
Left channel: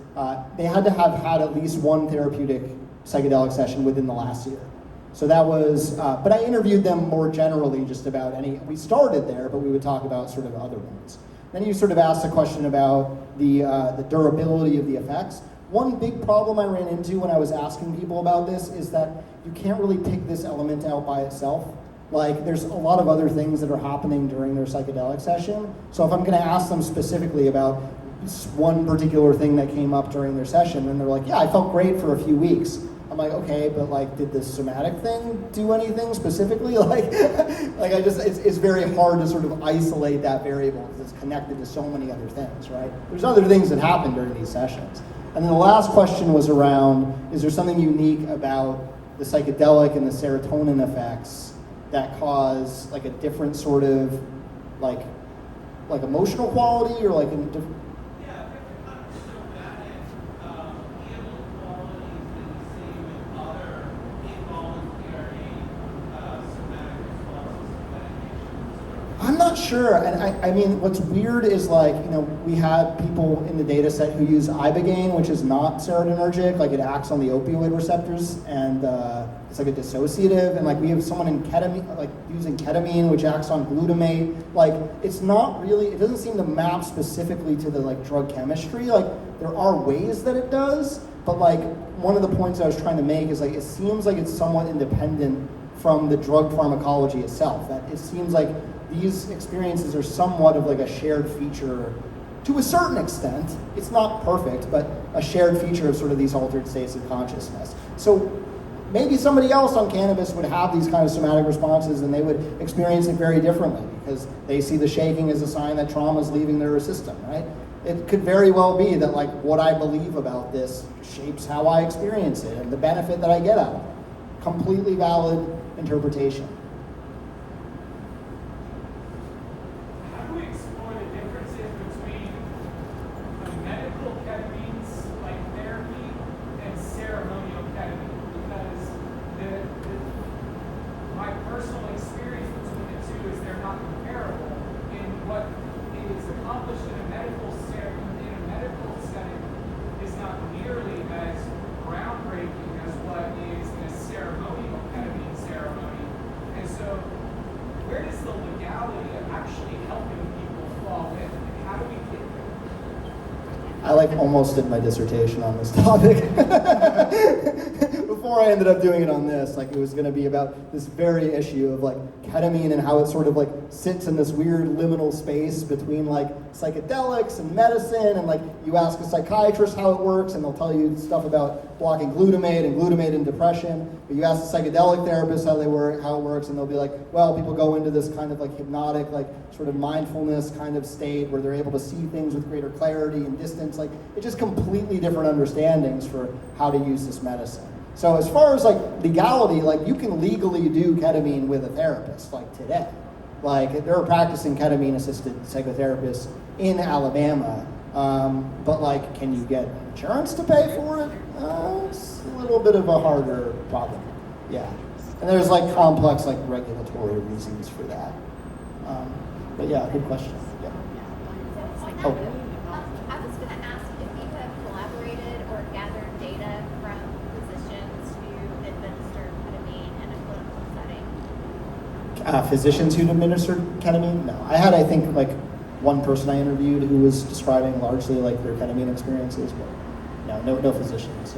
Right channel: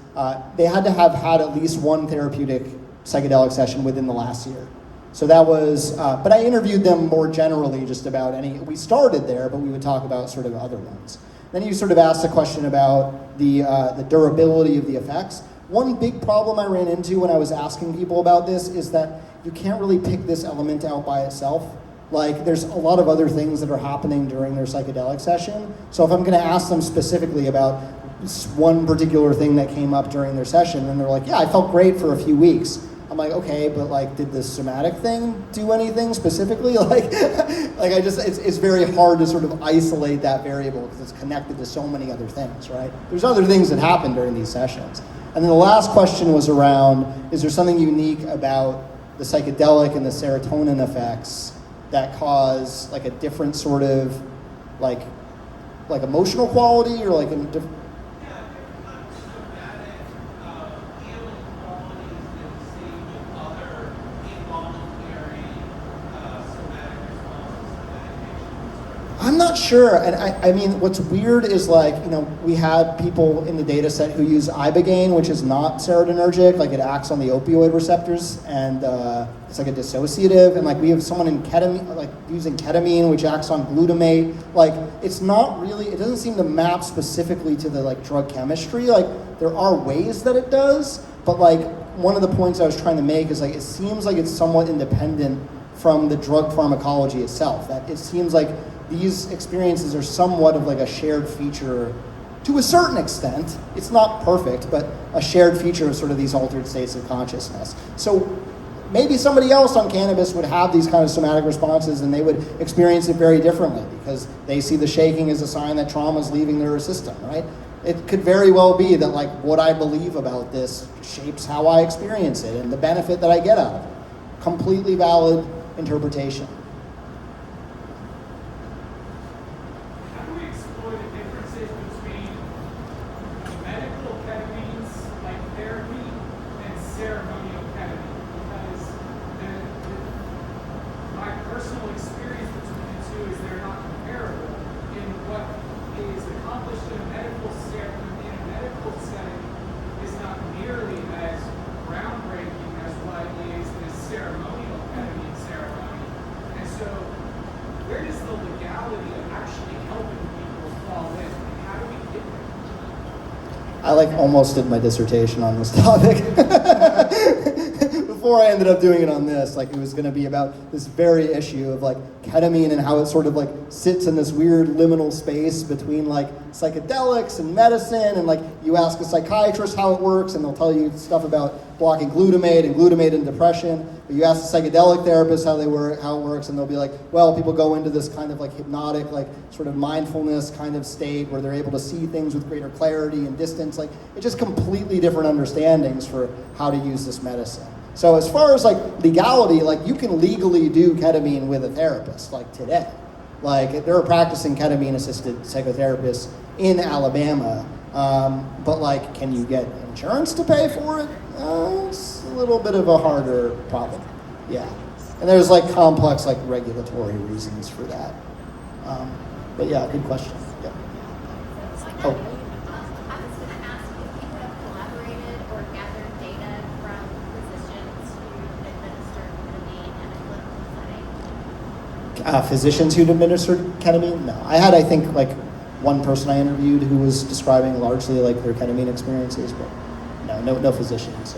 they had to have had at least one therapeutic psychedelic session within the last year. So that was, but I interviewed them more generally just about we started there, but we would talk about sort of other ones. Then you sort of asked a question about the durability of the effects. One big problem I ran into when I was asking people about this is that you can't really pick this element out by itself. Like there's a lot of other things that are happening during their psychedelic session. So if I'm gonna ask them specifically about one particular thing that came up during their session, and they're like, yeah, I felt great for a few weeks. I'm like, okay, but like, did the somatic thing do anything specifically? It's very hard to sort of isolate that variable because it's connected to so many other things, right? There's other things that happen during these sessions. And then the last question was around, is there something unique about the psychedelic and the serotonin effects that cause like a different sort of like emotional quality or like a different? Yeah, there's not somatic healing qualities that you see with other involuntary somatic responses to medications. I'm not sure, and I mean, what's weird is like, you know, we had people in the data set who use ibogaine, which is not serotonergic, like it acts on the opioid receptors, and it's like a dissociative, and like we have someone in ketamine, like using ketamine, which acts on glutamate, like it's not really, it doesn't seem to map specifically to the like drug chemistry, like there are ways that it does, but like one of the points I was trying to make is like, it seems like it's somewhat independent from the drug pharmacology itself, that it seems like these experiences are somewhat of like a shared feature to a certain extent. It's not perfect, but a shared feature of sort of these altered states of consciousness. So maybe somebody else on cannabis would have these kind of somatic responses and they would experience it very differently because they see the shaking as a sign that trauma is leaving their system, right? It could very well be that like what I believe about this shapes how I experience it and the benefit that I get out of it. Completely valid interpretation. How do we explore the differences between the medical ketamines, like therapy, and ceremonial ketamine? Because my personal experience between the two is they're not comparable. And what is accomplished in a medical setting is not nearly as groundbreaking as what is the ceremonial ketamine ceremony. And so, where does the legality of actually helping people fall in? And how do we get there? I like almost did my dissertation on this topic. Before I ended up doing it on this, like it was going to be about this very issue of like ketamine and how it sort of like sits in this weird liminal space between like psychedelics and medicine, and like you ask a psychiatrist how it works and they'll tell you stuff about blocking glutamate and depression, but you ask a psychedelic therapist how it works, and they'll be like, well, people go into this kind of like hypnotic, like sort of mindfulness kind of state where they're able to see things with greater clarity and distance. Like it's just completely different understandings for how to use this medicine. So as far as like legality, like you can legally do ketamine with a therapist like today. Like there are practicing ketamine assisted psychotherapists in Alabama, but like can you get insurance to pay for it? It's a little bit of a harder problem. Yeah. And there's like complex like regulatory reasons for that. But yeah, good question. Yeah. Oh. I was going to ask if you have collaborated or gathered data from physicians who administer ketamine in a clinical setting. Physicians who'd administered ketamine? No. I had, I think, like one person I interviewed who was describing largely like their ketamine experiences, but no physicians.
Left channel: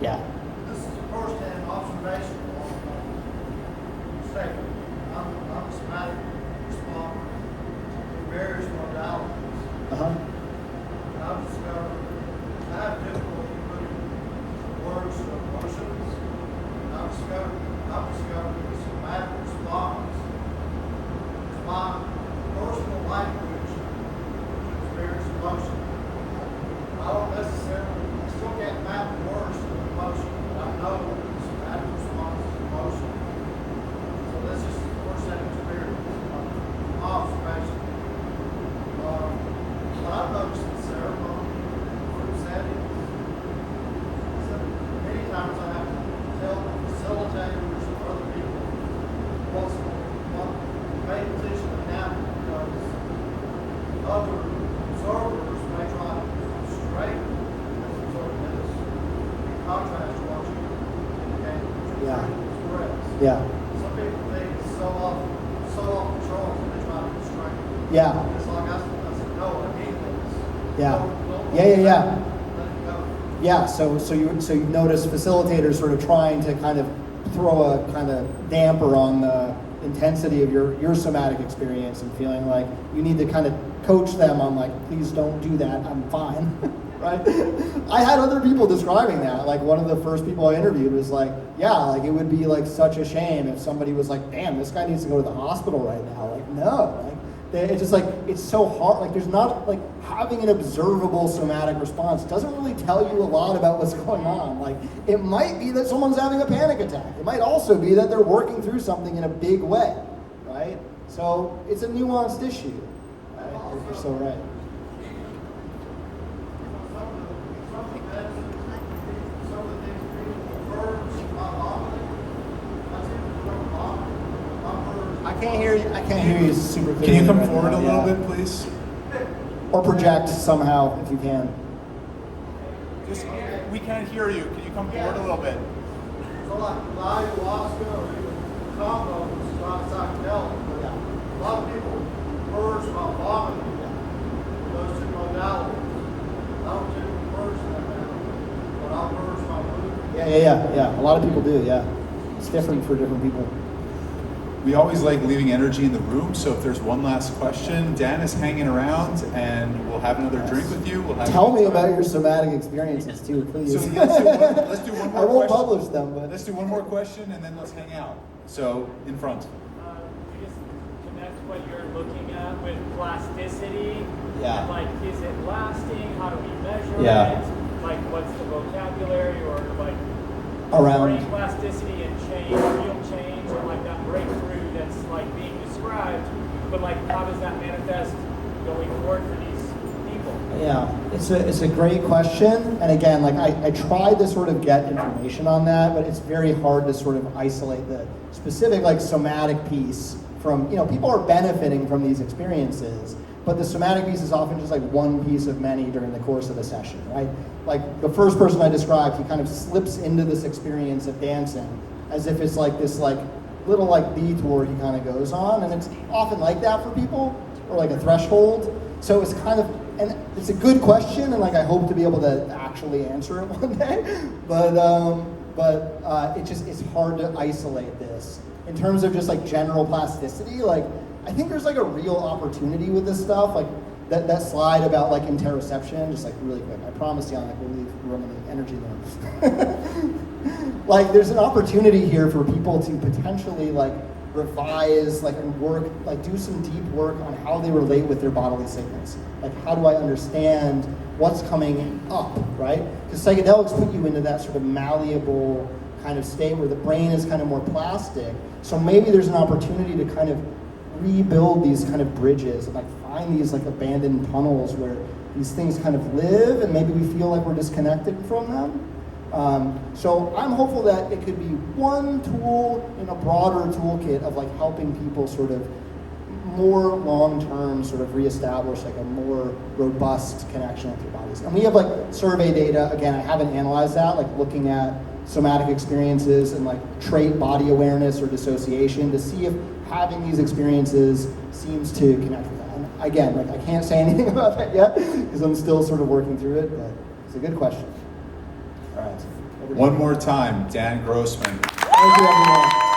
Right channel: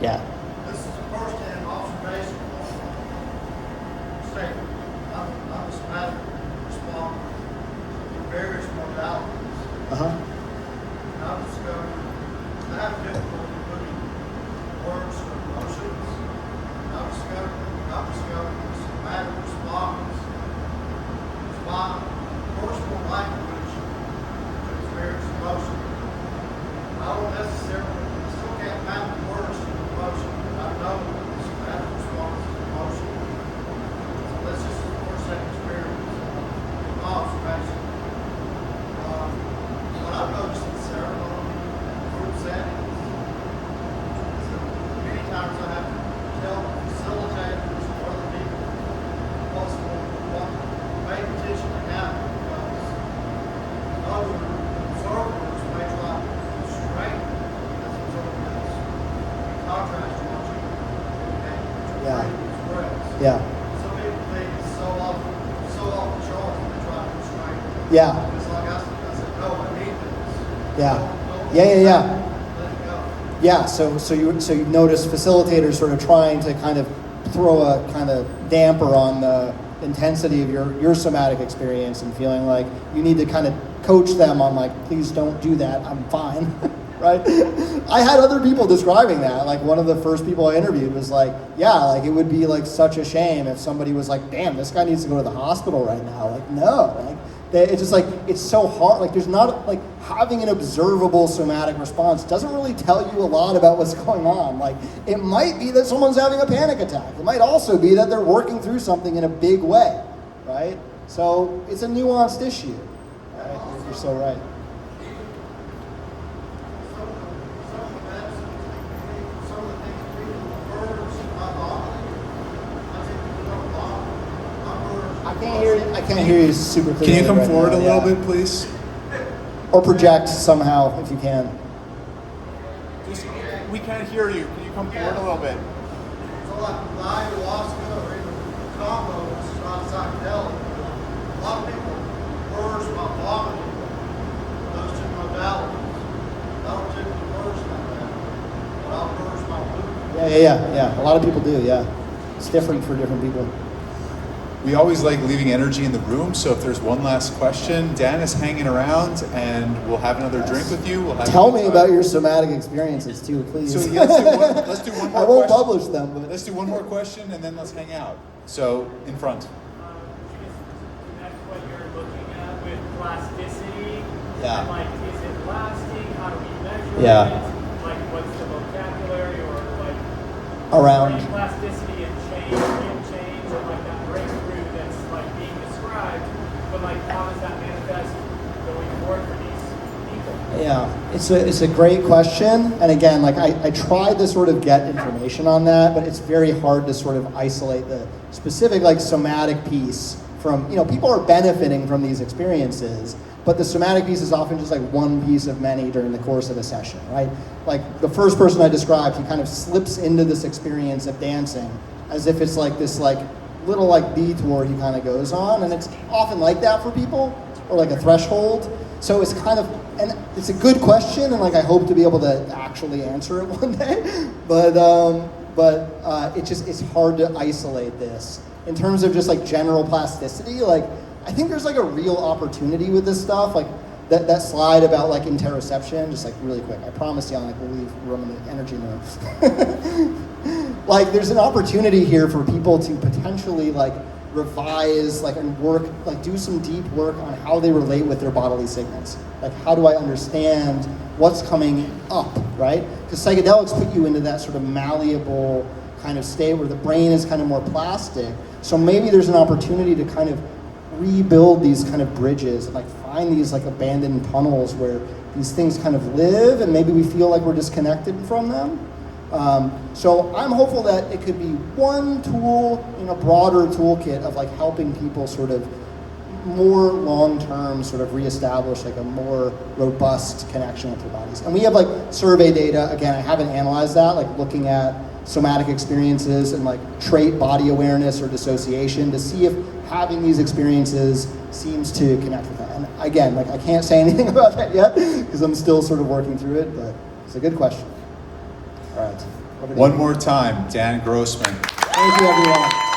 Yeah. This is a first-hand observation. Say, I'm a somatic responder with various modalities. Uh-huh. And I've discovered I have difficulty putting words to emotions. And I've discovered the somatic response is my personal language to experience emotion. I don't necessarily, I still can't map the words to the emotion, but I know the somatic response is emotion. So this is the first-hand experience, my observation. But I've noticed in ceremony, group settings, so many times I have to tell facilitators or other people what pay attention to happen, because other observers may try to straighten as observers, contrast to what you indicate, what Yeah. you're express. Yeah. Some people think it's so off the charts when they try to straighten. Yeah. It's like I said, no, I need this. Yeah. Don't Yeah. let it go. Yeah, so you notice facilitators sort of trying to kind of throw a kind of damper on the intensity of your somatic experience and feeling like you need to kind of coach them on like, please don't do that, I'm fine, right? I had other people describing that. Like one of the first people I interviewed was like, yeah, like it would be like such a shame if somebody was like, damn, this guy needs to go to the hospital right now. Like, no, like it's just like, it's so hard. Like there's not like having an observable somatic response doesn't really tell you a lot about what's going on. Like it might be that someone's having a panic attack. It might also be that they're working through something in a big way, right? So it's a nuanced issue. Right? You're so right. Some of the things people, the verbs, not vomiting. I think people don't vomit. My words. I can't hear you. I can't hear you super clearly. Can you come right forward now. a little Yeah. bit, please? Or project somehow if you can. Just, we can't hear you. Can you come forward a little bit? So like the ayahuasca or even combo, which is not psychedelic, but a lot of people words about vomiting, those two modalities. I don't typically words like that, but I'll words my food. Yeah. A lot of people do. Yeah, it's different for different people. We always like leaving energy in the room, so if there's one last question, Dan is hanging around, and we'll have another drink with you. We'll have Tell me about your somatic experiences too, please. So yeah, let's do one more I won't question. publish them, but Let's do one more question, and then let's hang out. So, in front. That's what you're looking at with plasticity. Yeah. Like, is it lasting? How do we measure Yeah. it? Like, what's the vocabulary or like around. brain plasticity and change, or like that breakthrough that's like being described. But like, how does that manifest going forward for these people? Yeah, it's a great question, and again, like I tried to sort of get information on that, but it's very hard to sort of isolate the specific like somatic piece from, people are benefiting from these experiences, but the somatic piece is often just like one piece of many during the course of a session, right? Like the first person I described, he kind of slips into this experience of dancing as if it's like this like little like detour he kind of goes on, and it's often like that for people, or like a threshold. So it's kind of, and it's a good question, and like I hope to be able to actually answer it one day, but it's hard to isolate this in terms of just like general plasticity. Like I think there's like a real opportunity with this stuff, like that slide about like interoception, just like really quick. I promise you, like we'll leave room and energy there. Like there's an opportunity here for people to potentially like revise, like and work, like do some deep work on how they relate with their bodily signals. Like how do I understand what's coming up, right? Because psychedelics put you into that sort of malleable kind of state where the brain is kind of more plastic. So maybe there's an opportunity to kind of rebuild these kind of bridges and like find these like abandoned tunnels where these things kind of live, and maybe we feel like we're disconnected from them. So I'm hopeful that it could be one tool in a broader toolkit of like helping people sort of more long-term sort of reestablish like a more robust connection with their bodies. And we have like survey data, again, I haven't analyzed that, like looking at somatic experiences and like trait body awareness or dissociation to see if having these experiences seems to connect with that. And again, like I can't say anything about that yet because I'm still sort of working through it, but it's a good question. All right. One more time, Dan Grossman. Thank you, everyone.